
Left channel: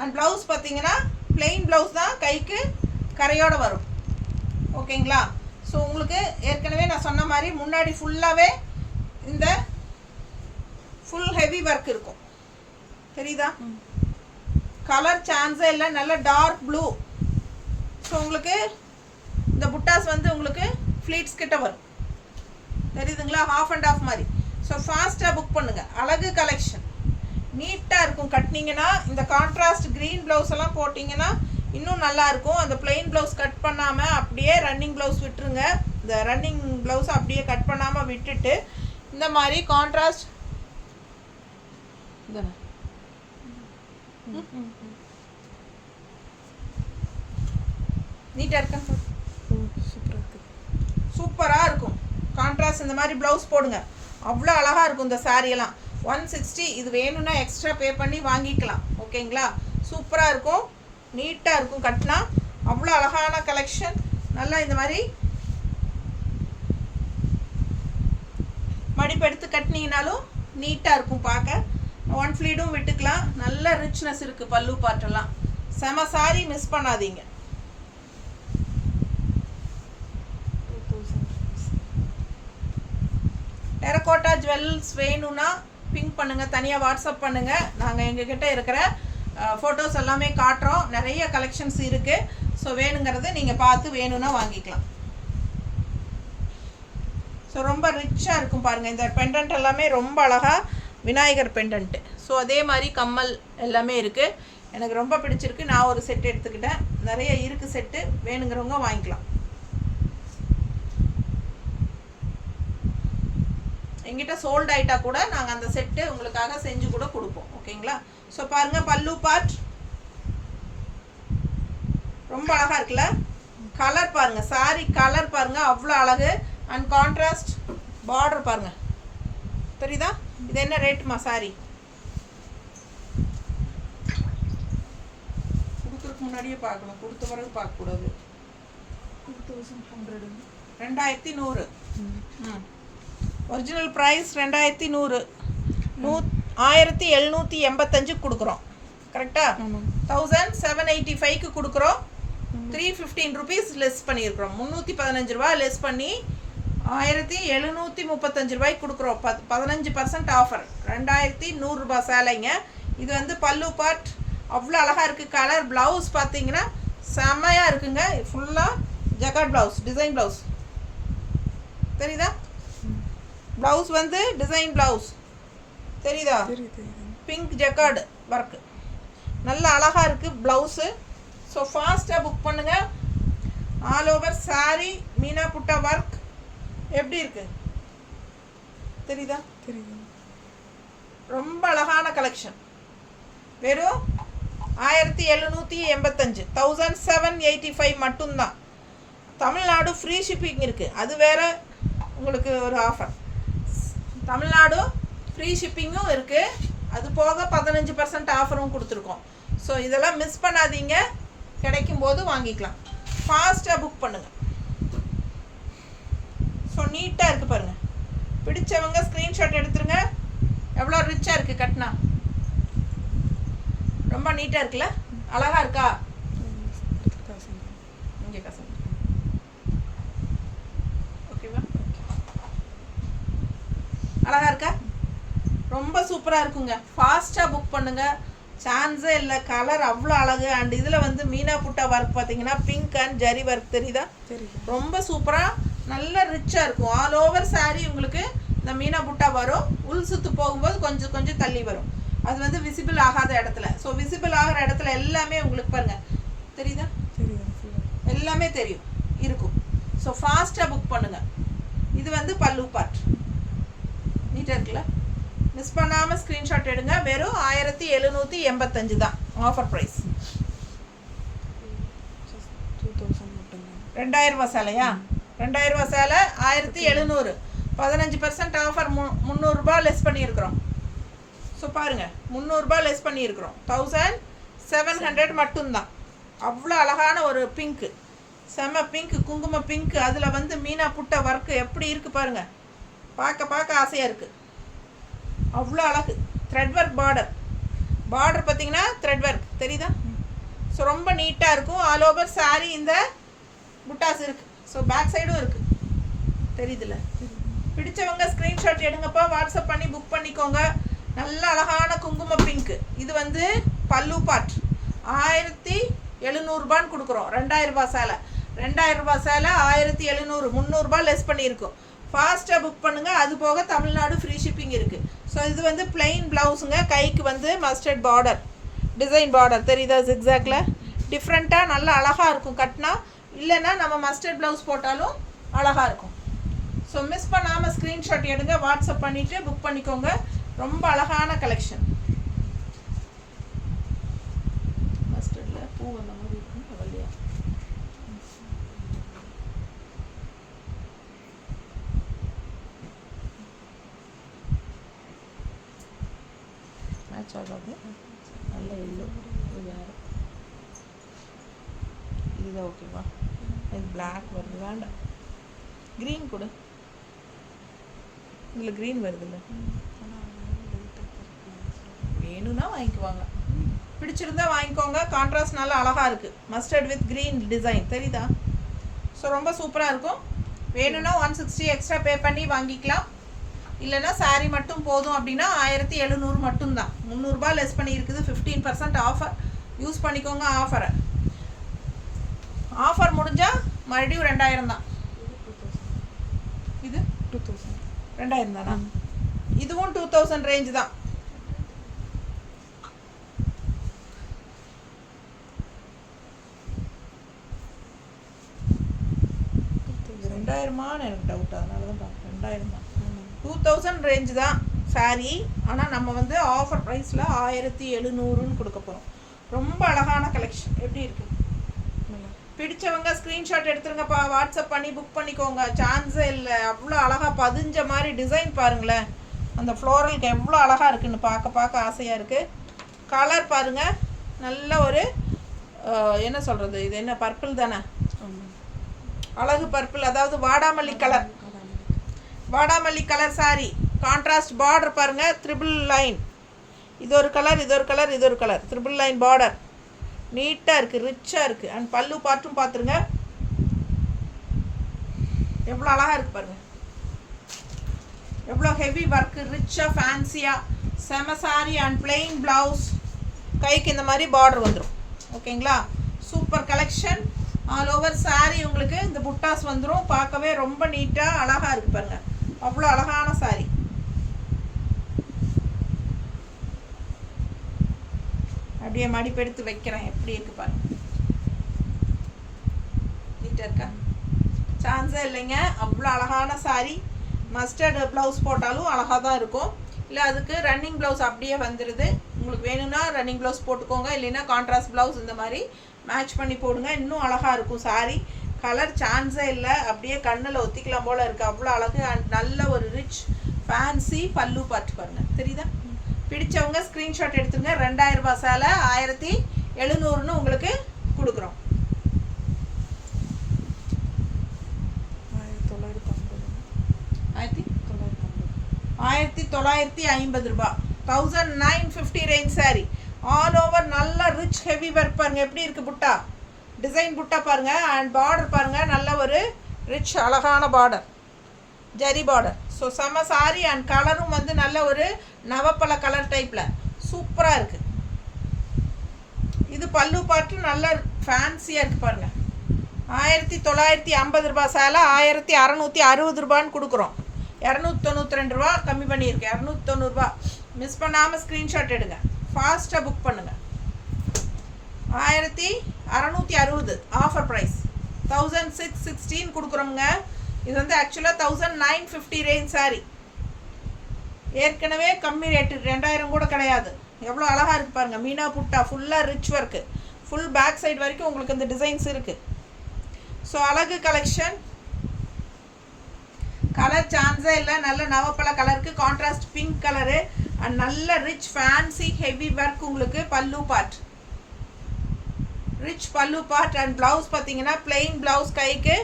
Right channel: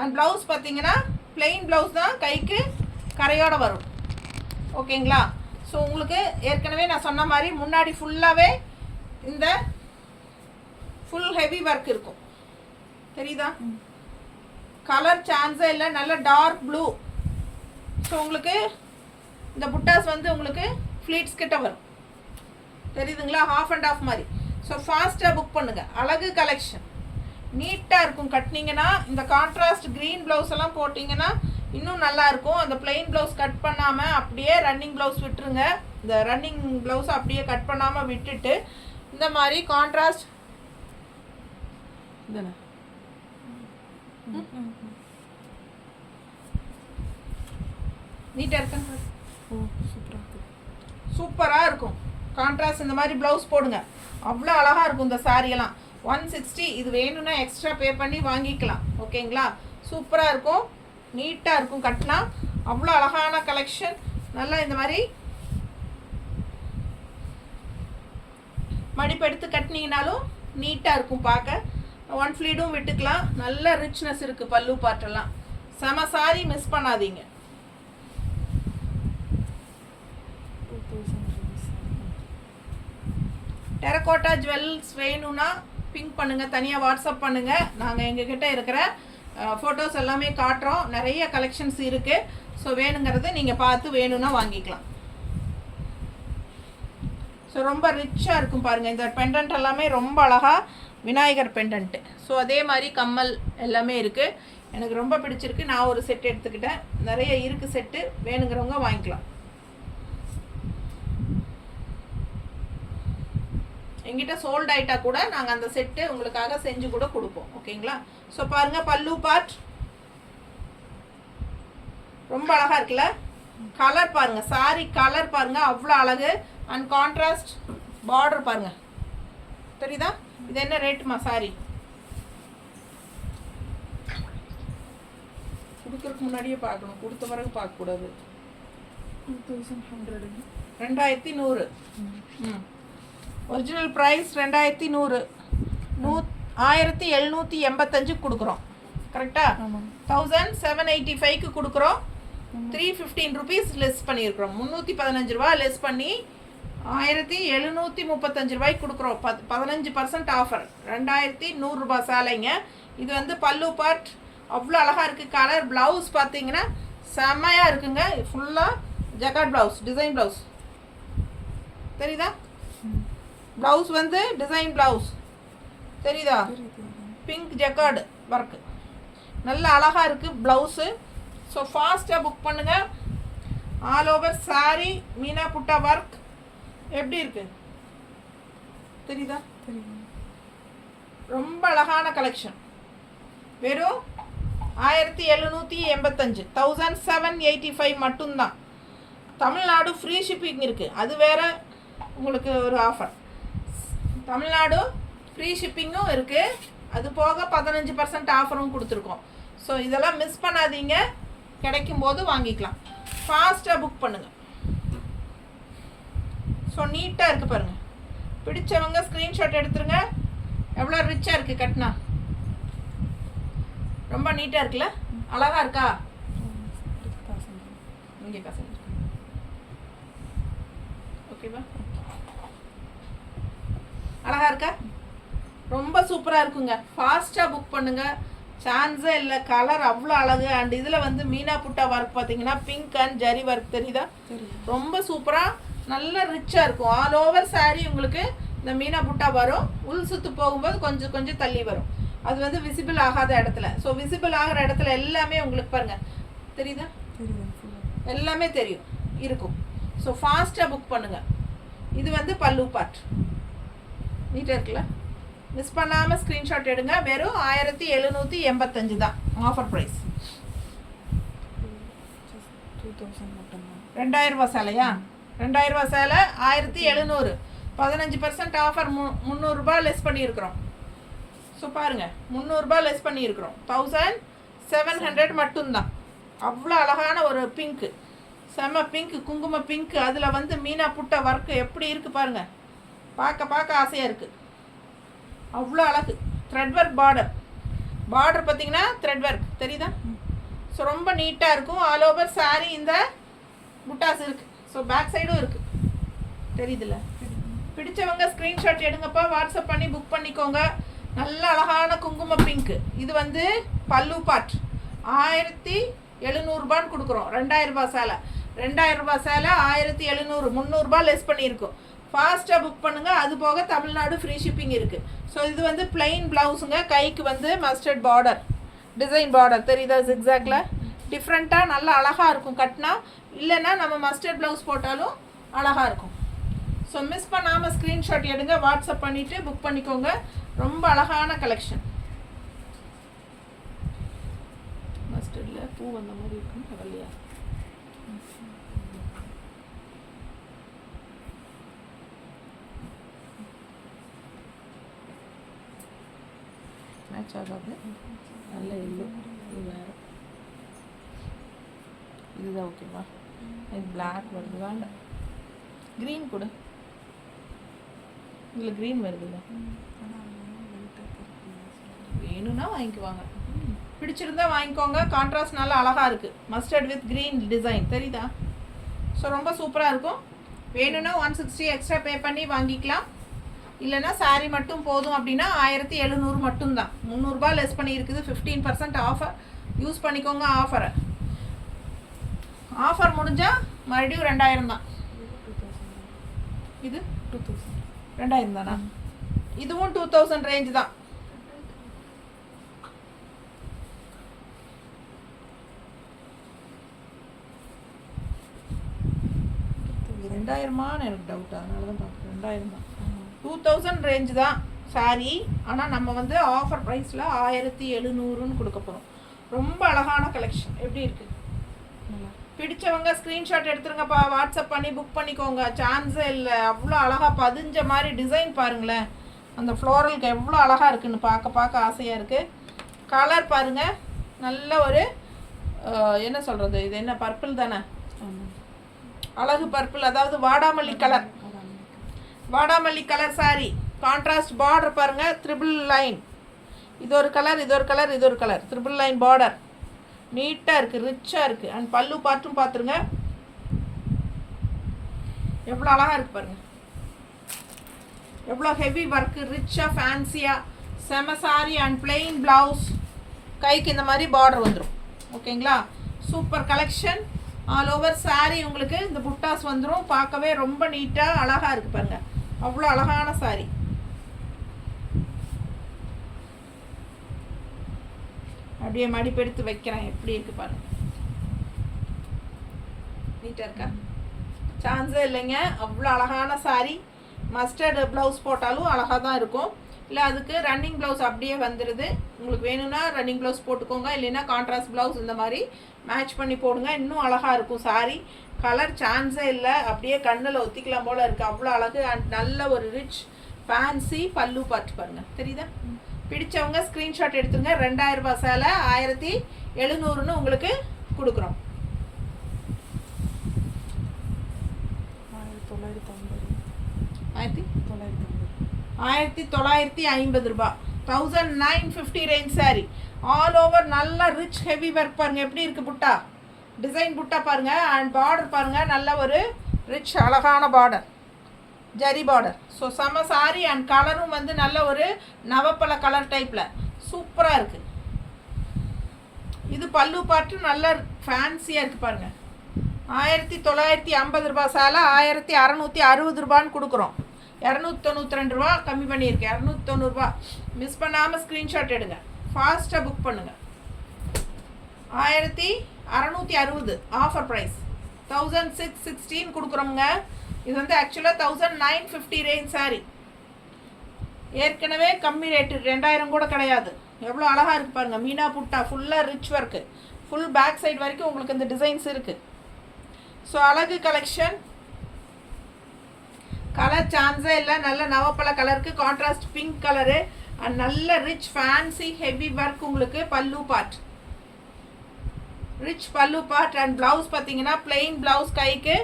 அண்ட் ப்ளவுஸ் பார்த்தீங்கன்னா பிளெயின் ப்ளவுஸ் தான், கைக்கு கரையோடு வரும். ஓகேங்களா? ஸோ உங்களுக்கு ஏற்கனவே நான் சொன்ன மாதிரி முன்னாடி ஃபுல்லாகவே இந்த ஃபுல் ஹெவி ஒர்க் இருக்கும். தெரியுதா? கலர் சான்ஸே இல்லை, நல்ல டார்க் ப்ளூ. ஸோ உங்களுக்கு இந்த புட்டாஸ் வந்து உங்களுக்கு ஃப்ளீட்ஸ் கிட்ட வரும். தெரியுதுங்களா? ஹாஃப் அண்ட் ஆஃப் மாதிரி. ஸோ ஃபாஸ்ட்டாக புக் பண்ணுங்கள். அழகு கலெக்ஷன், நீட்டாக இருக்கும் கட்டினீங்கன்னா. இந்த கான்ட்ராஸ்ட் க்ரீன் ப்ளவுஸ் எல்லாம் போட்டிங்கன்னா இன்னும் நல்லாயிருக்கும். அந்த பிளெயின் ப்ளவுஸ் கட் பண்ணாமல் அப்படியே ரன்னிங் ப்ளவுஸ் விட்டுருங்க. இந்த ரன்னிங் ப்ளவுஸ் அப்படியே கட் பண்ணாமல் விட்டுட்டு இந்த மாதிரி கான்ட்ராஸ்ட் இதானே நீட்டாக இருக்குன்னு சூப்பராக இருக்கும். கான்ட்ராஸ்ட் இந்த மாதிரி ப்ளவுஸ் போடுங்க, அவ்வளோ அழகாக இருக்கும் இந்த சாரியெல்லாம். 160. இது வேணும்னா எக்ஸ்ட்ரா பே பண்ணி வாங்கிக்கலாம். ஓகேங்களா? சூப்பராக இருக்கும், நீட்டாக இருக்கும் கட்டினா. அவ்வளோ அழகான கலெக்ஷன். நல்லா இந்த மாதிரி மடிப்பெடுத்து கட்டினீங்கனாலும் நீட்டாக இருக்கும் பார்க்க. 1 ஃப்ளீடும் விட்டுக்கலாம். நல்ல ரிச்னஸ் இருக்குது பல்லு பார்ட்டெல்லாம். செம சாரி, மிஸ் பண்ணாதீங்க. டெரகோட்டா ஜுவல்ஸ் வேணும்னா பிங்க் பண்ணுங்கள், தனியாக வாட்ஸ்அப் பண்ணுங்கள். நாங்கள் எங்ககிட்ட இருக்கிற ஃபோட்டோஸ் எல்லாமே காட்டுறோம். நிறைய கலெக்ஷன்ஸ் இருக்குது. ஸோ வேணுங்கிறது நீங்கள் பார்த்து வேணும்னா வாங்கிக்கலாம். ஸோ ரொம்ப ரிச்சாக இருக்கும் பாருங்கள். இந்த பெண்டன்ட் எல்லாமே ரொம்ப அழகாக விநாயகர் பெண்டன்ட்டு. ஸோ அதே மாதிரி கம்மல் எல்லாமே இருக்குது. எனக்கு ரொம்ப பிடிச்சிருக்கு. நான் ஒரு செட் எடுத்துக்கிட்டேன். நிறைய இருக்குது செட்டு, வேணுங்கிறவங்க வாங்கிக்கலாம். எங்கிட்ட சோல்ட் ஆகிட்டா கூட நாங்கள் அந்த செட்டு உங்களுக்காக செஞ்சு கூட கொடுப்போம். ஓகேங்களா? ஸோ பாருங்கள், பல்லு பார்ட் ரொம்ப அழகாக இருக்குல்ல? கலர் பாருங்கள், சாரி கலர் பாருங்கள், அவ்வளோ அழகு. அண்ட் கான்ட்ராஸ்ட் பார்டர் பாருங்கள். தெரியுதா? இது என்ன ரேட்டுமா சாரி? கொடுக்குறதுக்கு முன்னாடியே பார்க்கணும், கொடுத்த பிறகு பார்க்கக்கூடாது. 2100. 2100. Original price 2100. 1785 கொடுக்குறோம். கரெக்டாக? 1785க்கு கொடுக்குறோம். 315 ருபீஸ் லெஸ் பண்ணியிருக்கிறோம். 315 ரூபா லெஸ் பண்ணி 1735 ரூபாய்க்கு கொடுக்குறோம். 15% ஆஃபர். 2100 ரூபா சேலைங்க. இது வந்து பல்லு பார்ட் அவ்வளோ அழகாக இருக்குது. கலர் ப்ளவுஸ் பார்த்தீங்கன்னா செம்மையாக இருக்குங்க. ஃபுல்லாக ஜக்கார்ட் ப்ளவுஸ், டிசைன் ப்ளவுஸ். தெரியுதா? ப்ளவுஸ் வந்து டிசைன் ப்ளவுஸ். தெரியுதா? பிங்க் ஜக்கார்டு ஒர்க்கு, நல்ல அழகாக இருக்குது ப்ளவுஸு. ஸோ ஃபாஸ்ட்டாக புக் பண்ணுங்கள். ஆல் ஓவர் சாரி மீனா புட்டா ஒர்க் எப்படி இருக்குது? தெரியுதா? தெரியுது. ரொம்ப அழகான கலெக்ஷன். வெறும் 1785, 1785 மட்டும்தான். தமிழ்நாடு ஃப்ரீ ஷிப்பிங் இருக்குது. அது வேறு உங்களுக்கு ஒரு ஆஃபர். தமிழ்நாடு ஃப்ரீ ஷிப்பிங்கும் இருக்குது. அது போக 15% ஆஃபரும் கொடுத்துருக்கோம். ஸோ இதெல்லாம் மிஸ் பண்ணாதீங்க, கிடைக்கும்போது வாங்கிக்கலாம். ஃபாஸ்ட்டாக புக் பண்ணுங்கள். ஸோ நீட்டாக இருக்குது பாருங்கள். பிடிச்சவங்க ஸ்க்ரீன்ஷாட் எடுத்துருங்க. எவ்வளோ ரிச்சாக இருக்குது கட்டினா. ரொம்ப நீட்டாக இருக்குல்ல? அழகாக இருக்கா? இங்கே கசந்து ஓகேவா? அழகா இருக்கா? ரொம்ப சூப்பராக இருக்குங்க. ஃபாஸ்ட்டாக புக் பண்ணுங்க, சான்ஸே இல்லை. கலர் அவ்வளோ அழகு. அண்ட் இதில் வந்து மீனா புட்டா ஒர்க் பார்த்தீங்கன்னா பிங்க் அண்ட் ஜரி ஒர்க் தெரியுதா? ரொம்ப சூப்பராக நல்ல ரிச்சாக இருக்கும். ஆல் ஓவர் சாரீ உங்களுக்கு இந்த மீனா புட்டா வரும். உள் சுற்று போகும்போது கொஞ்சம் கொஞ்சம் தள்ளி வரும். அது வந்து விசிபிள் ஆகாத இடத்துல. ஸோ விசிபிள் ஆகிற இடத்துல எல்லாமே உங்களுக்கு பாருங்கள் தெரியுதா? எல்லாமே தெரியும் இருக்கும். ஸோ ஃபாஸ்ட்டாக புக் பண்ணுங்கள். இது வந்து பல்லு பார்ட் நீட்டாக இருக்குல்ல? மிஸ் பண்ணாமல் ஸ்க்ரீன்ஷாட் எடுங்க. வெறும் 1785 தான் ஆஃபர் ப்ரைஸ். 2000 ரூபா சேலையா? 2000 ரூபா சேலை 1700. 15% ஆஃபர் 300 ரூபாய் லெஸ் பண்ணியிருக்கிறோம். ஸோ பாருங்கள் 300 ரூபாய் லெஸ் பண்ணியிருக்கிறோம். 1700 மட்டும்தான். அவ்வளோ அழகான ஒரு பிங்க்கு, செம பிங்க்கு, குங்கும பிங்க்கு. அதில் வந்து மீனா புட்ட ஒர்க்கு எப்படி இருக்குது பாருங்கள். பார்க்க பார்க்க ஆசையாக இருக்குது. அவ்வளோ அழகு. த்ரெட் ஒர்க் பார்டர் பார்த்தீங்கன்னா த்ரெட் ஒர்க் தெரியுதா? ஸோ ரொம்ப நீட்டாக இருக்கும். ஆல் ஓவர் சாரீ இந்த புட்டாஸ் இருக்குது. ஸோ பேக் சைடும் இருக்குது தெரியுதுல்ல? பிடிச்சவங்க ஸ்க்ரீன்ஷாட் எடுங்கப்பா, வாட்ஸ்அப் பண்ணி புக் பண்ணிக்கோங்க. நல்ல அழகான குங்கும பிங்க்கு. இது வந்து பல்லு பார்ட் 1700 ரூபான்னு கொடுக்குறோம். 2000 ரூபா சேலை. 2000 ரூபா சேலை 1700, 300 ரூபாய் லெஸ் பண்ணியிருக்கோம். ஃபாஸ்ட்டாக புக் பண்ணுங்கள். அது போக தமிழ்நாடு ஃப்ரீ ஷிப்பிங் இருக்குது. ஸோ இது வந்து பிளெயின் ப்ளவுஸுங்க. கைக்கு வந்து மஸ்டர்ட் பார்டர், டிசைன் பார்டர் தெரியுதா? ஜிக்ஸாக்ல டிஃப்ரெண்ட்டாக நல்லா அழகாக இருக்கும் கட்டினா. இல்லைன்னா நம்ம மஸ்டர்ட் ப்ளவுஸ் போட்டாலும் அழகாக இருக்கும். ஸோ மிஸ் பண்ணாமல் ஸ்க்ரீன்ஷாட் எடுங்க, வாட்ஸ்அப் பண்ணிவிட்டு புக் பண்ணிக்கோங்க. ரொம்ப அழகான கலெக்ஷன். மஸ்டர்டில் பூ வந்த மாதிரி இருக்கும் வெள்ளையா. மேட்ச் ஆகாது. நல்ல எல்லோ. இது வேறு. இதுதான் ஓகேவா? இது பிளாக் வருது, வேண்டாம். க்ரீன் கூட இதில் க்ரீன் வருதுல்ல, வேணும்னா வாங்கிக்குவாங்க. பிடிச்சிருந்தா வாங்கிக்கோங்க. கான்ட்ராஸ்ட் நல்லா அழகாக இருக்குது. மஸ்டர்ட் வித் க்ரீன் டிசைன் தெரியுதா? ஸோ ரொம்ப சூப்பராக இருக்கும். வேணும்னா 160 எக்ஸ்ட்ரா பே பண்ணி வாங்கிக்கலாம். இல்லைனா சாரீ மட்டும் போதும் அப்படின்னா 1700 மட்டும்தான். 300 ரூபாய் லெஸ் பண்ணி இருக்குது. 15% ஆஃபர். யூஸ் பண்ணிக்கோங்க ஆஃபரை. ஆஃபர் முடிஞ்சால் மறுபடியும் 2000 தான். இது 2000 தானா? இதுவும் 2000 ரேஞ்சு தான். இது 2000மான்னு எனக்கு டவுட். அதனால தான் பார்க்குறேன். 2000 தான். 2000 ரேஞ்சு தான் சாரீ. ஆனால் நம்ம வந்து ஆஃபர் ப்ரைஸில் 1700ன்னு கொடுக்க போகிறோம். ரொம்ப அழகான கலெக்ஷன். எப்படி இருக்குது? பிடிச்சவங்க ஸ்க்ரீன்ஷாட் எடுத்துருங்கப்பா, வாட்ஸ்அப் பண்ணி புக் பண்ணிக்கோங்க. சான்ஸே இல்லை. அவ்வளோ அழகாக பதிஞ்ச மாதிரி டிசைன் பாருங்களேன். அந்த ஃப்ளோரலுக்கு எவ்வளோ அழகாக இருக்குதுன்னு பார்க்க ஆசையாக இருக்குது. கலர் பாருங்கள். நல்ல ஒரு என்ன சொல்கிறது, இது என்ன பர்பிள் தானே? அழகு பர்பிள், அதாவது வாடாமல்லி கலர். வாடாமல்லி கலர் சாரி. கான்ட்ராஸ்ட் பார்டர் பாருங்கள். Triple line. இது ஒரு கலர், இது ஒரு கலர், இது ஒரு கலர். த்ரிபிள் லைன் பார்டர் நீட்டாக இருக்குது, ரிச்சாக இருக்குது. அண்ட் பல்லு பார்ட்டும் பார்த்துருங்க எவ்வளோ அழகாக இருக்குது பாருங்கள். எவ்வளோ ஹெவி ஒர்க்கு, ரிச்சாக ஃபேன்சியாக செம சாரி. And plain blouse. கைக்கு இந்த மாதிரி பார்டர் வந்துடும். ஓகேங்களா? Super collection. All over sari உங்களுக்கு இந்த புட்டாஸ் வந்துடும். பார்க்கவே ரொம்ப நீட்டாக அழகாக இருக்குது பாருங்கள். அவ்வளோ அழகான சாரீ. அப்படியே மடிப்பெடுத்து வைக்கிறேன். எப்படி இருக்கு பாருங்க. நீட்டாக இருக்கா? சான்ஸே இல்லைங்க. அவ்வளோ அழகான சாரீ. மஸ்டர்டு ப்ளவுஸ் போட்டாலும் அழகாக தான் இருக்கும். இல்லை அதுக்கு ரன்னிங் ப்ளவுஸ் அப்படியே வந்துடுது. உங்களுக்கு வேணும்னா ரன்னிங் ப்ளவுஸ் போட்டுக்கோங்க. இல்லைன்னா கான்ட்ராஸ்ட் ப்ளவுஸ் இந்த மாதிரி மேட்ச் பண்ணி போடுங்க. இன்னும் அழகாக இருக்கும் சாரீ. கலர் சான்ஸே இல்லை. அப்படியே கண்ணில் ஒத்திக்கலாம் போல் இருக்குது. அவ்வளோ அழகு. அண்ட் நல்ல ஒரு ரிச் ஃபேன்சி பல்லு பார்த்து பாருங்கள். தெரியுதா? பிடிச்சவங்க ஸ்க்ரீன்ஷாட் எடுத்துங்க. 2000 ரூபாய் சேலை 1700ன்னு உங்களுக்கு கொடுக்குறோம். 1950 ரூபாய். 1950 ரேஞ்ச் சாரி. ஆல் ஓவர் நல்ல ரிச் ஹெவி ஒர்க் பாருங்க. எப்படி இருக்கு புட்டா? டிசைன் புட்டா பாருங்கள். அண்ட் பார்டர் பாருங்கள், நல்ல ஒரு ரிச் அழகான பார்டர், ஜரி பார்டர். ஸோ செம்ம சாரி. அண்ட் கலரும் வந்து நல்ல ஒரு நவப்பழ கலர் டைப்பில் சூப்பராக இருக்குது. இது பல்லு பாட்டு நல்ல ஃபேன்சியாக இருக்குது பாருங்கள். 1950 ரூபா சேலை 1660 ரூபான்னு கொடுக்குறோம். 292 ரூபா கம்மி பண்ணியிருக்கு, 290 ரூபா. மிஸ் பண்ணாமல் ஸ்க்ரீன்ஷாட் எடுங்க, ஃபாஸ்ட்டாக புக் பண்ணுங்கள். 1660 ஆஃபர் ப்ரைஸ். 1616 கொடுக்குறோங்க. இது வந்து ஆக்சுவலாக 1950 ரேஞ்ச் சாரி. ஏற்கனவே கம்மி ரேட்டு, 2000 கூட கிடையாது. எவ்வளோ அழகாக இருக்குது பாருங்கள். மீனா புட்டா ஃபுல்லாக rich work, full back side வரைக்கும் உங்களுக்கு இந்த டிசைன்ஸ் இருக்குது. ஸோ அழகு கலெக்ஷன், கலர் சான்ஸே இல்லை. நல்ல நவப்பழ கலருக்கு கான்ட்ராஸ்ட் பிங்க் கலரு அண்ட் நல்ல ரிச் ஃபேன்சி ஹெவி ஒர்க். உங்களுக்கு பல்லு பார்ட், ரிச் பல்லு பார்ட். அண்ட் ப்ளவுஸ் பார்த்தீங்கன்னா பிளெயின் ப்ளவுஸ், கைக்கு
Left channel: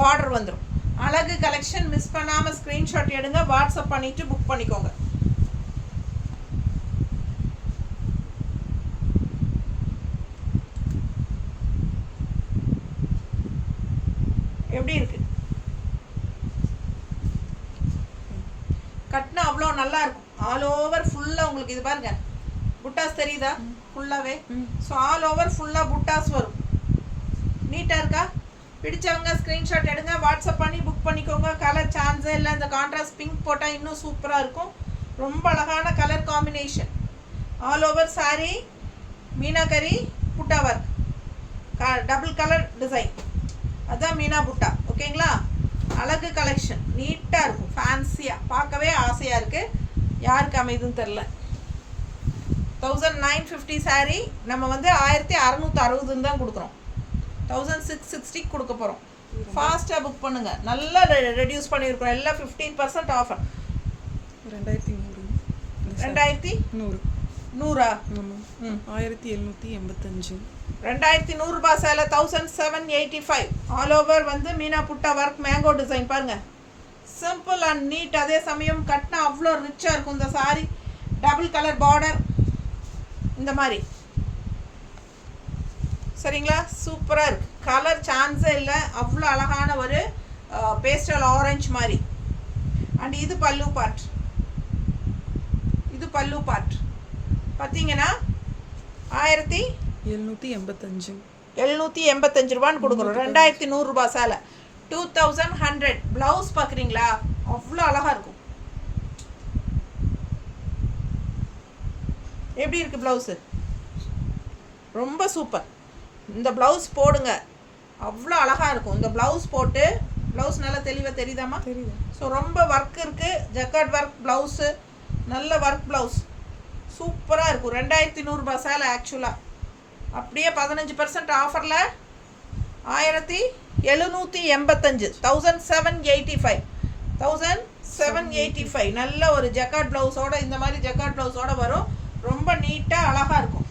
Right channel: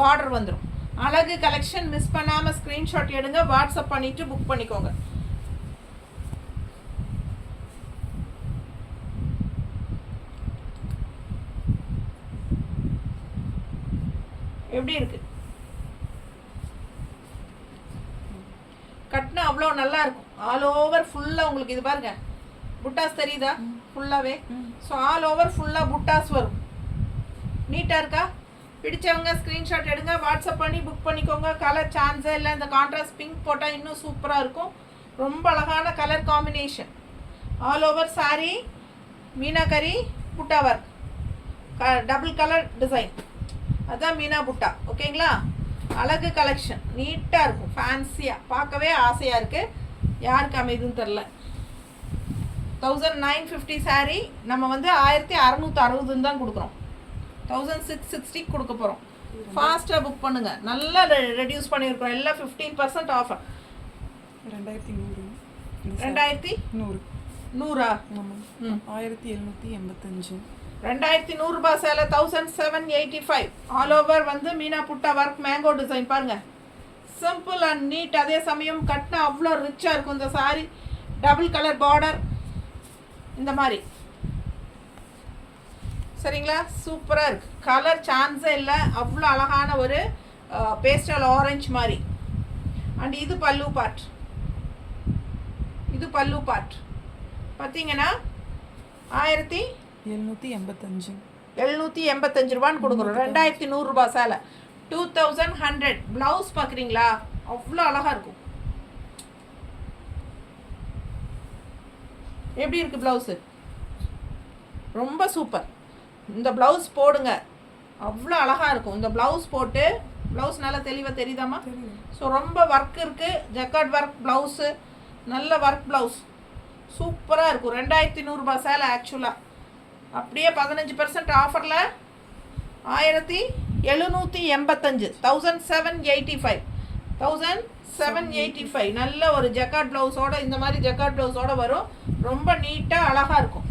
பார்டர் வந்துடும். அழகு கலெக்ஷன். மிஸ் பண்ணாமல் ஸ்க்ரீன்ஷாட் எடுங்க, வாட்ஸ்அப் பண்ணிவிட்டு புக் பண்ணிக்கோங்க. எப்படி இருக்கு கட்டினா அவ்வளோ நல்லா இருக்கும். ஆல் ஓவர் ஃபுல்லாக உங்களுக்கு இது பாருங்க, புட்டாஸ் தெரியுதா ஃபுல்லாகவே. ஸோ ஆல் ஓவர் ஃபுல்லாக புட்டாஸ் வரும். நீட்டாக இருக்கா? பிடிச்சவங்க ஸ்க்ரீன்ஷாட் எடுங்க, வாட்ஸ்அப் பண்ணி புக் பண்ணிக்கோங்க. கலர் சான்ஸே இல்லை. இந்த கான்ட்ராஸ்ட் பிங்க் போட்டால் இன்னும் சூப்பராக இருக்கும். ரொம்ப அழகான colour combination. All over sorry meenakari புட்டா ஒர்க், டபுள் கலர் டிசைன். அதுதான் மீனா புட்டா. ஓகேங்களா? அழகு கலெக்ஷன், நீட்டாக இருக்கும், ஃபேன்சியாக, பார்க்கவே ஆசையாக இருக்குது. யாருக்கு அமைதுன்னு தெரில. 1950 சாரீ நம்ம வந்து 1660 தான் கொடுக்குறோம். 1660 கொடுக்க போகிறோம். ஃபாஸ்ட்டாக புக் பண்ணுங்கள். நல்லா ரெடியூஸ் பண்ணியிருக்கோம். எல்லாம் 15% ஆஃபர். 2100. 2100 1785. 2100 ரூபாய் சேலை 1785. ஆல் ஓவர் வந்து மீனா புட்டா ஒர்க், மேங்கோ டிசைன் பாருங்க. Simple and neat. அதே சமயம் கட்டினா அவ்வளோ ரிச்சாக இருக்கும் இந்த சாரி. டபுள் கலர் பார்டர் இந்த மாதிரி. சரிங்களா? சூப்பராக இருக்கு. கலர் சான்ஸே இல்லை. அவ்வளோ அழகான ஒரு பேஸ்டல் ஆரஞ்சு மாதிரி. அண்ட் இது பல்லு பார்ட். இது பல்லு பார்ட் பார்த்தீங்கன்னா 1785 ரூபான்னு கொடுக்குறோம். 2100 ரூபாய் சேலை 2100. ப்ளவுஸ் பார்க்குறீங்களா? அவ்வளோ அழகாக இருக்கும். எப்படி இருக்குது ப்ளவுஸு? ரொம்ப சூப்பர். இந்த ப்ளவுஸ் போடுங்க, அவ்வளோ அழகாக இருக்கும். இந்த ப்ளவுஸ் போட்டு, ப்ளவுஸ் நல்லா தெளிவாக தெரியுதாம்மா? ஸோ ரொம்ப ஒர்க் இருக்குது. ஜக்கார்ட் ஒர்க் ப்ளவுஸு, நல்ல ஒர்க் ப்ளவுஸ் சூப்பராக இருக்கும். 2100 ரூபாய் சேலை. ஆக்சுவலாக அப்படியே 15% ஆஃபரில் 1785. 1785. 1785. நல்ல ஒரு ஜக்கார்ட் ப்ளவுஸோட, இந்த மாதிரி ஜக்கார்ட் ப்ளவுஸோட வரும். ரொம்ப நீட்டாக அழகாக இருக்கும்.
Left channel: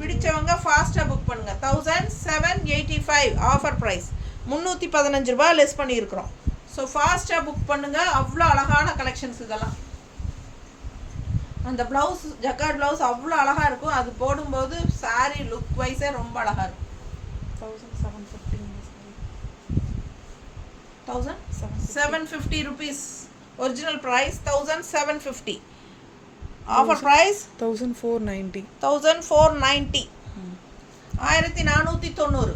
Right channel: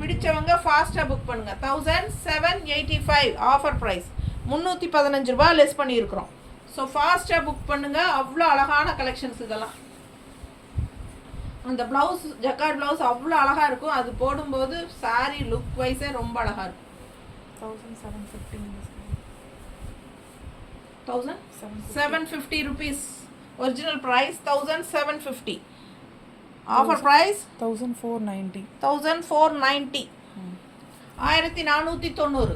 பிடிச்சவங்க ஃபாஸ்ட்டாக புக் பண்ணுங்கள். 1785 ஆஃபர் ப்ரைஸ். 315 ரூபா லெஸ் பண்ணியிருக்கிறோம். ஸோ ஃபாஸ்ட்டாக புக் பண்ணுங்கள். அவ்வளோ அழகான கலெக்ஷன்ஸ் இதெல்லாம். அந்த ப்ளவுஸ், ஜக்கார்ட் ப்ளவுஸ் அவ்வளோ அழகாக இருக்கும். அது போடும்போது சாரீ லுக் வைஸே ரொம்ப அழகாக இருக்கும். 1750 rupees. Original price 1750. Offer price 1490. 1490. 1490.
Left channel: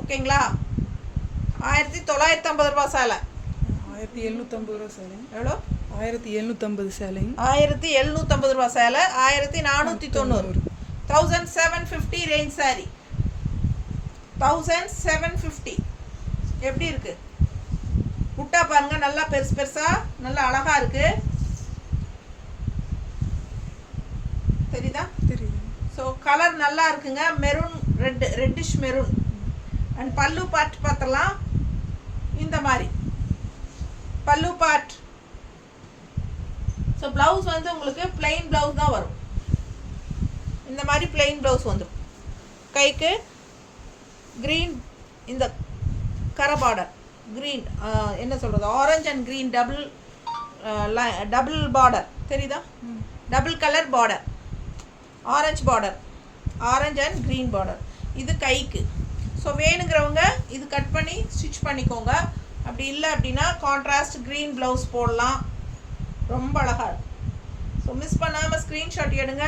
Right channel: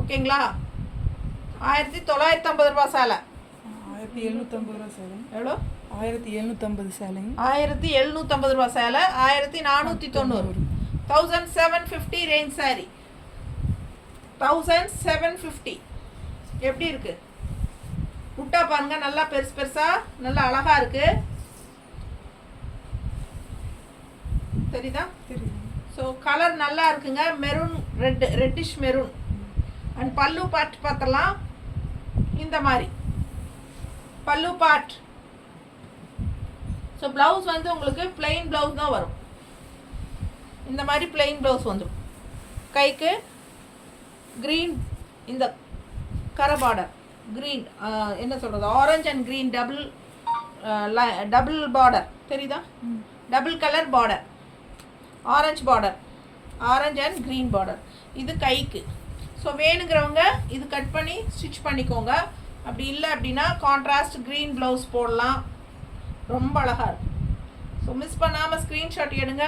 ஓகேங்களா? 1950 ரூபா சேலை. 1750 ரூபா சேலை. எவ்வளோ? 1750 சேலை. 1750 ரூபா சேலை 1490. 1750 ரேஞ்ச் சாரி. 1750. எப்படி இருக்கு? புட்டா பாருங்க, நல்லா பெருசு பெருசா, நல்லா அழகா இருக்கு. தெரியுதா? தெரியும். ஸோ கலர் நல்லா இருக்குங்க. Maroon, reddish maroon. அண்ட் பல்லு பார்ட் பார்த்தலாம். இந்த மாதிரி பல்லு பார்ட். ஸோ ப்ளவுஸ் வந்து உங்களுக்கு பிளெயின் ப்ளவுஸ் தான் வரும். இந்த மாதிரி பிளெயின் ப்ளவுஸ் வந்துடும். கைக்கு க்ரீன், இந்த கரை பார்டர் க்ரீன், என்ன சொல்கிறது, orange and green double border. தெரியுதா? Double colour border, orange border. Orange and green border. இது கைக்கு. ஸோ வேணுங்கிறவங்க இது கட் பண்ணி ஸ்டிச் பண்ணிக்கோங்க. அப்படி இல்லை அப்படின்னா கான்ட்ராஸ்ட் க்ரீன் ப்ளவுஸ் போடலாம். ரொம்ப அழகாக இருக்கும். ஸோ மிஸ் பண்ணாமல் ஸ்க்ரீன்ஷாட் எடுங்க,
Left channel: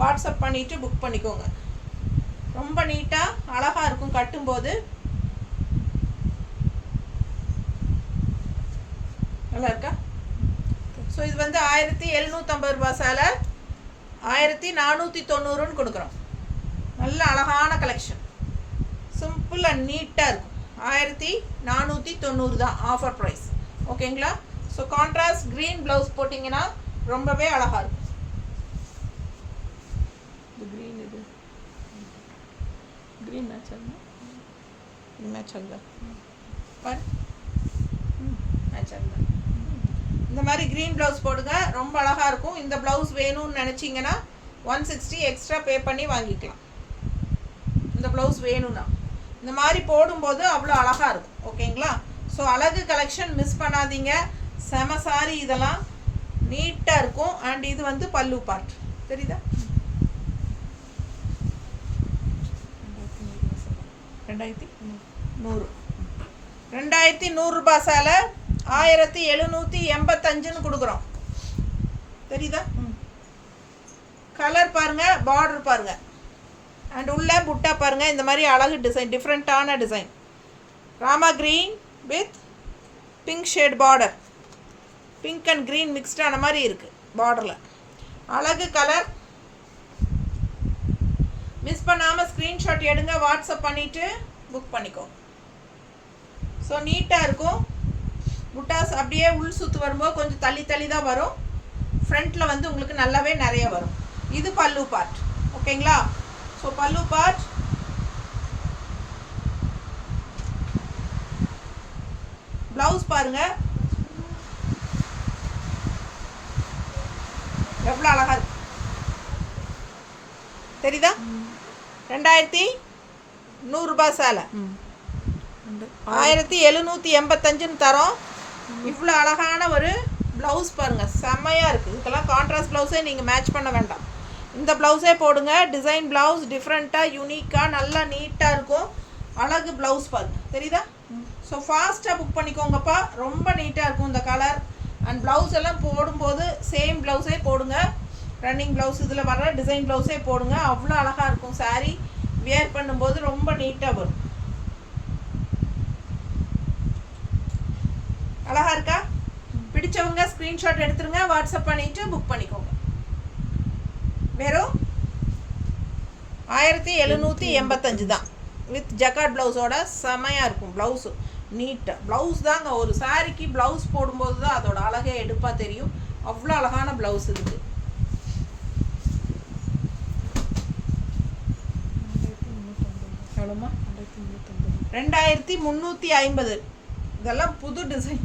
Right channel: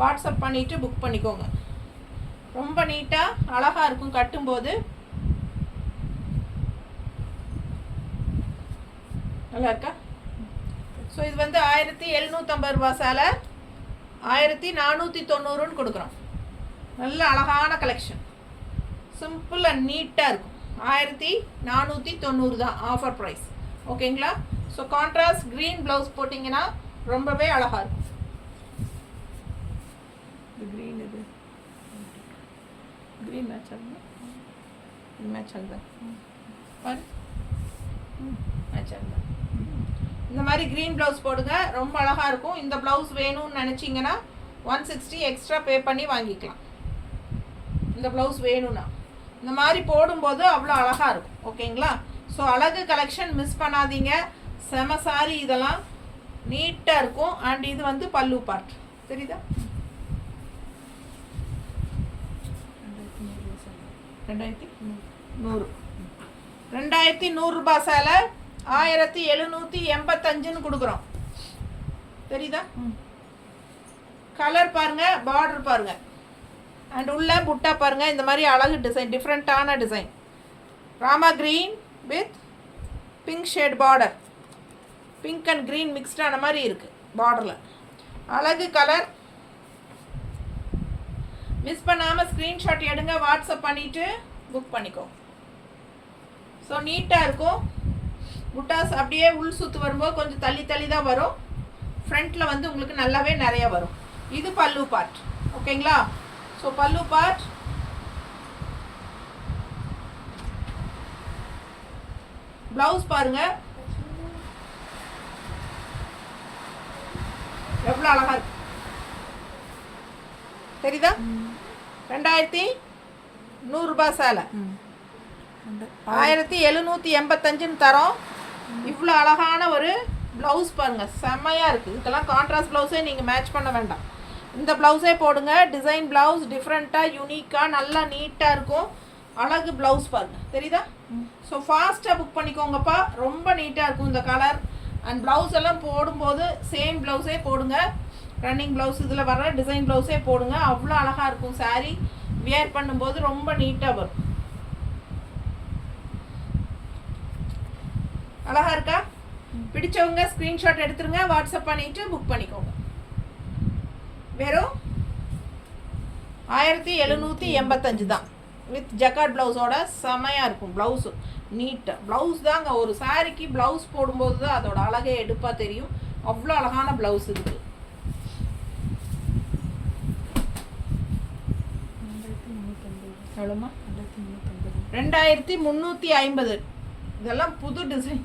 வாட்ஸ்அப் பண்ணிவிட்டு புக் பண்ணிக்கோங்க. ரொம்ப நீட்டாக அழகாக இருக்கும் கட்டும்போது. நல்லா இருக்கா? ஸோ இது வந்து 1750 ரூபா சேலை, 1490 கொடுக்குறோம். நல்ல அழகான கலெக்ஷன், சிம்பிள் அண்ட் நீட்டாக இருக்கும். 1490 தான் ஆஃபர் ப்ரைஸ். ஓகேங்களா? ஸோ கான்ட்ராஸ்ட் க்ரீன் ப்ளவுஸ் போட்டிங்கன்னா ரொம்பவே அழகாக இருக்கும். இது க்ரீன், இது க்ரீன் மேட்ச் ஆகுமா? மேட்ச் ஆகுதா பாரு, மேட்ச் ஆகுதா? இந்த மாதிரி க்ரீன் ப்ளவுஸ் போடுங்க, ரொம்ப அழகாக இருக்கும். இந்த ப்ளவுஸ் வேணும்னு நினச்சிங்கன்னா 160 எக்ஸ்ட்ரா பே பண்ணி வாங்கிக்கலாம். இந்த ப்ளவுஸ் வேணும்னா இந்த மாதிரி போடும்போது அவ்வளோ அழகாக இருக்கும். ஓகேங்களா? ஸோ அழகு கலெக்ஷன் மிஸ் பண்ணாதீங்க. செம சாரி, இதெல்லாம் நீட்டாக இருக்கும். அண்ட் இது வந்து பல்லு பார்ட், தெரியுதா? 2100 2100 ரூபா சேலை 1785 கொடுக்குறோம். தெரியுதா? கலர் பாருங்க, பார்டர் பாருங்க, அண்ட் உள்ள புட்டா பாருங்க. இந்த மாதிரி அழகு டிசைன், டிஃப்ரெண்ட்டான design. Rama green with pink shade border, pink and green மிக்ஸ்டான மாதிரி இருக்குது பார்டரில். அழகு கலர். மிஸ் பண்ணாமல் ஸ்க்ரீன்ஷாட் எடுங்க, வாட்ஸ்அப் பண்ணிவிட்டு புக் பண்ணிக்கோ. ஸோ நீட்டாக இருக்கும். புட்டாஸ் அப்படியே உள் சுற்று வரும்போது கொஞ்சம் தள்ளி தள்ளி தான் வரும். ஃப்ரண்ட்டில் வந்து உங்களுக்கு நல்லாவே நிறையா வரும். இது பல்லு பார்ட். ஓகேங்களா? ஸோ பல்லு பார்ட். ப்ளவுஸ் பாருங்கள் எவ்வளோ அழகாக இருக்கு, தெரியுதா? 2100 ரூபா சேலை 1785 தரோம். இவ்வளோ அழகான ஒரு ப்ளவுஸ் பாருங்கள், செம்மையாக இருக்குது. இதுக்கெல்லாம் கான்ட்ராஸ்ட் ப்ளவுஸே நீங்கள் மேட்ச் பண்ண வேண்டாம். இந்த ப்ளவுஸே போடுங்க. டிசைன் ப்ளவுஸ், டிஃப்ரெண்ட்டாக யூனிக்காக நல்லா நீட்டாக இருக்கும். அழகு ப்ளவுஸ் பாருங்கள், தெரியுதா? ஸோ ஃபாஸ்ட்டாக புக் பண்ணிக்கோங்கப்பா. ரொம்ப நீட்டாக இருக்கும் இந்த கலர். அண்ட் ப்ளவுஸ் எல்லாம் போடும்போது சேம் ப்ளவுஸே போடுங்க. ரன்னிங் ப்ளவுஸ் இதில் வர டிசைன் ப்ளவுஸே போடுங்க. அவ்வளோ அழகாக இருக்கும். சாரீ வியர் பண்ணும்போது ரொம்ப நீட்டாக வரும். அழகாக இருக்கா? பிடிச்சவங்க ஸ்க்ரீன்ஷாட் எடுத்துருங்க, வாட்ஸ்அப் பண்ணிவிட்டு புக் பண்ணிக்கோங்க. வெறும் 1785 தான் வித் ஜக்கார்ட் ப்ளவுஸோட. செமையாக இருக்கும் ப்ளவுஸு, நீட்டாக. ப்ளவுஸ் தாங்க, ஒரு சாரிக்கு ப்ளவுஸ் போடும்போது தான் அதோட அழகே எடுப்பாக தெரியும். அவ்வளோ அழகான ப்ளவுஸ் இருக்குது. எவ்வளோமா? 2350. இதெல்லாம் புது டிசைன்,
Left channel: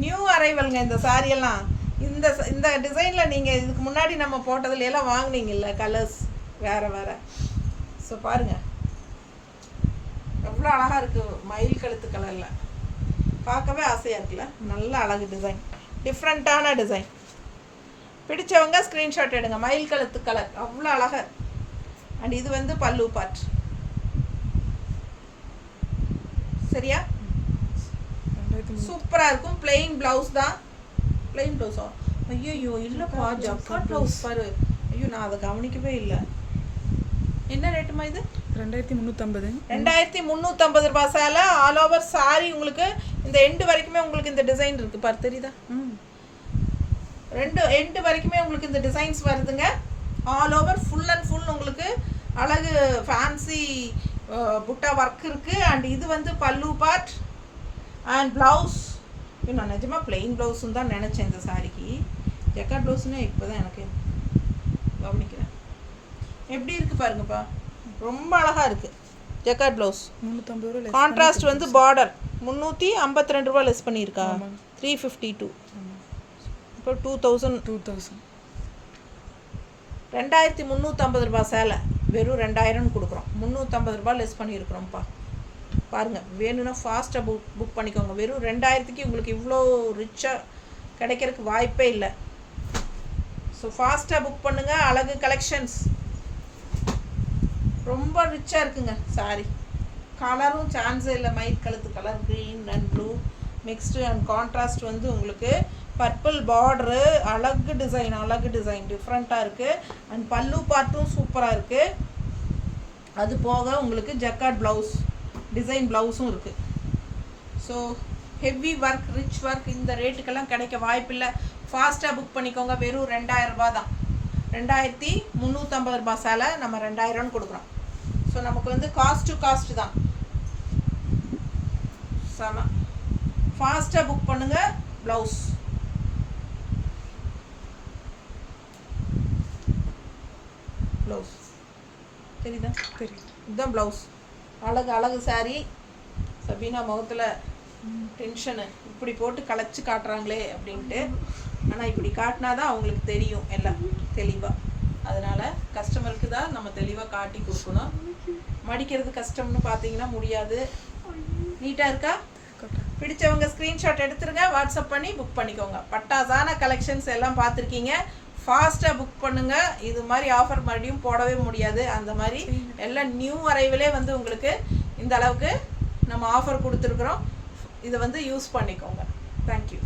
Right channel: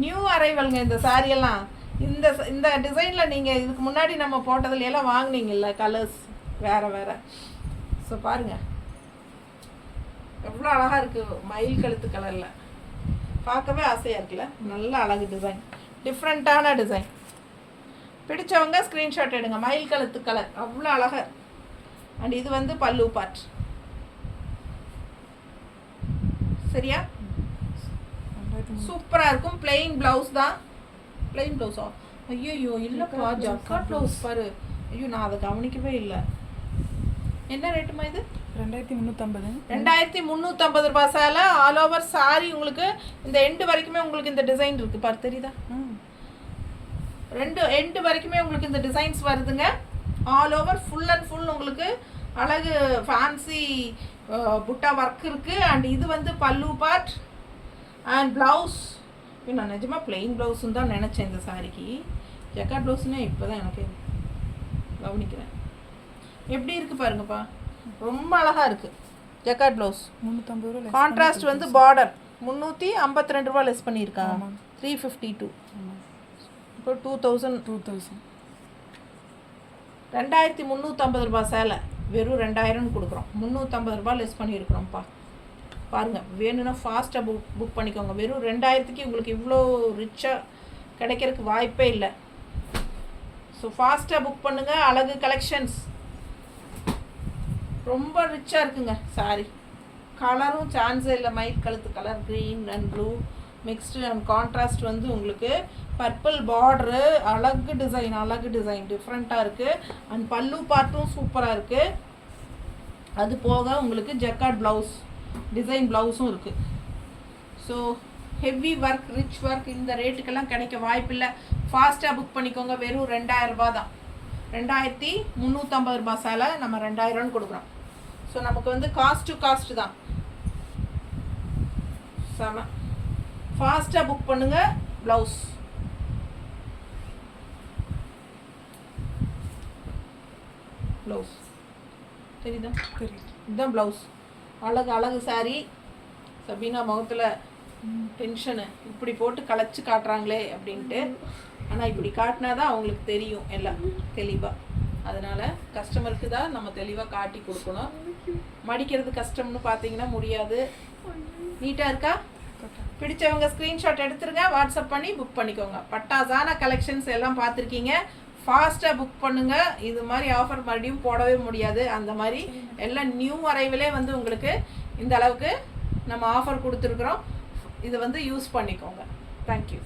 நியூ அரைவல்ங்க இந்த சாரியெல்லாம். இந்த டிசைனில் நீங்கள் இதுக்கு முன்னாடி நம்ம போட்டதுல எல்லாம் வாங்கினீங்கல்ல, கலர்ஸ் வேறு வேறு. ஸோ பாருங்கள் எவ்வளோ அழகாக இருக்குது. மயில் கழுத்து கலரில் பார்க்கவே ஆசையாக இருக்குல்ல. நல்ல அழகு டிசைன், டிஃப்ரெண்ட்டான டிசைன். பிடிச்சவங்க ஸ்க்ரீன்ஷாட் எடுங்க. மயில் கழுத்து கலர் அவ்வளோ அழகாக. அண்ட் இது வந்து பல்லு பார்ட். சரியா? சூப்பராக இருக்கும். பிளெயின் ப்ளவுஸ் தான். பிளெயின் ப்ளவுஸா? ஐயோ இல்லைப்பா, ஜக்கார்ட் ப்ளவுஸ் பாரு. ஐயோ, நான் அதை கவனிக்கவே இல்லை. என்ன ரேட்டுமா இது? 2350. 2350 ரூபா சேலை. ஆல் ஓவர் சாரி உங்களுக்கு இந்த எண்டு வரைக்குமே உங்களுக்கு இந்த டிசைன் இருக்குது பாரு, தெரியுதா? எண்டு வரைக்குமே உங்களுக்கு இந்த டிசைன்ஸ் வருதுங்க. All over full and full உங்களுக்கு அழகு ஃபேன்சி புட்டா ஒர்க் இருக்குது. அண்ட் இது வந்து பல்லு பார்ட் அண்ட் ப்ளவுஸ். நான் நிஜமாக பிளெயின் ப்ளவுஸுன்னு தான் நினச்சேன் இந்த சாரிக்கு. ஜக்கார்ட் ப்ளவுஸ்னால் இப்போ தான் எனக்கு கவனிக்கிறேன். எப்படி இருக்குது பாருங்கப்பா, ரொம்ப அழகாக இருக்குது. ஜக்கார்ட் ப்ளவுஸ் 350 ரூபா. கான்ட்ராஸ்ட் வந்து பார்டர் 352 ரூபா லெஸ் பண்ணியிருக்கா. 352. இப்போ 2000. 2350 ரூபா சேலை வெறும் 2000 கொடுக்குறோம். 350 ரூபா லெஸ் பண்ணியிருக்கிறோம்ப்பா. பாருங்கள், வேணும்னா ஃபாஸ்ட்டாக புக் பண்ணிக்கோங்க. வெறும் 2000க்கு உங்களுக்கு இவ்வளோ ரிச்சாக கிடைக்கிறதுக்கு வாய்ப்பே இல்லை. ஸோ ஃபாஸ்ட்டாக புக் பண்ணுங்கள். அழகு கலெக்ஷன்ஸ் ரொம்ப ரிச்சாக இருக்குங்க சாரி. கலரும் சான்ஸே இல்லை. மைட் கழுத்து colour green and blue mixed and contrast வந்து உங்களுக்கு பர்பிள் பார்டரு. அழகு டிசைன் டிஃப்ரெண்ட்டாக இருக்குது. அண்ட் பல்லு பார்ட்டும் சூப்பராக இருக்குது. அது போக உங்களுக்கு ஜக்கார்ட் ப்ளவுஸ் டிசைன் ப்ளவுஸும் இருக்குது. So heavy work rich work இந்த ரேட்டுக்கெல்லாம் கிடைக்க வாய்ப்பில்லை. ஃபாஸ்ட்டாக புக் பண்ணிக்கோங்க. வெறும் 2000 ரூபா தான். 2350 ரூபா சேலை நம்ம 2000 கொடுக்குறோம். ஸோ நமக்கு வந்து காஸ்ட் டு காஸ்ட் தான். செம ஃபாஸ்ட்டாக புக் பண்ணுங்கள். ப்ளவுஸ் தெரியுதா? தெரியுது. இதுதான் ப்ளவுஸ். அழகு சாரி. சபீனா முகத்தில் டென்ஷனு இப்படி போட்டு களைச்சி காட்டுறாங்களே அப்படின்ட்டு. ஆனால் இப்படி காட்டினா தான் அவங்களுக்கு தெரியும் எல்லாம் தெளிவாக. அதனால் கஸ்டமருக்கு தான் நம்ம தெளிவாக காட்டி கொடுக்கணும். மடிக்கிறது கஷ்டம்னு பார்த்தீங்கன்னா முடியாது. நீட்டாக இருக்கா? பிடிச்சவங்க ஸ்க்ரீன்ஷாட் எடுத்துருங்க. வாட்ஸ்அப் பண்ணி புக் பண்ணிக்கோங்க. பட்டாசான கலெக்ஷன்ஸ் எல்லாம் பார்த்துருக்கீங்க. ஃபாஸ்ட்டாக புக் பண்ணுங்கள். இது மாதிரி ஆஃபர் மறுபடியும் போடவே முடியாது. அந்த மாதிரி எல்லாம் நியூ அரைவிலே வந்து உங்களுக்கு இந்த அளவுக்கு நம்ம ஆஃபர் கொடுத்துருக்குறோம். இதை வந்து யூஸ் பண்ணிக்கோங்க. தேங்க்யூ.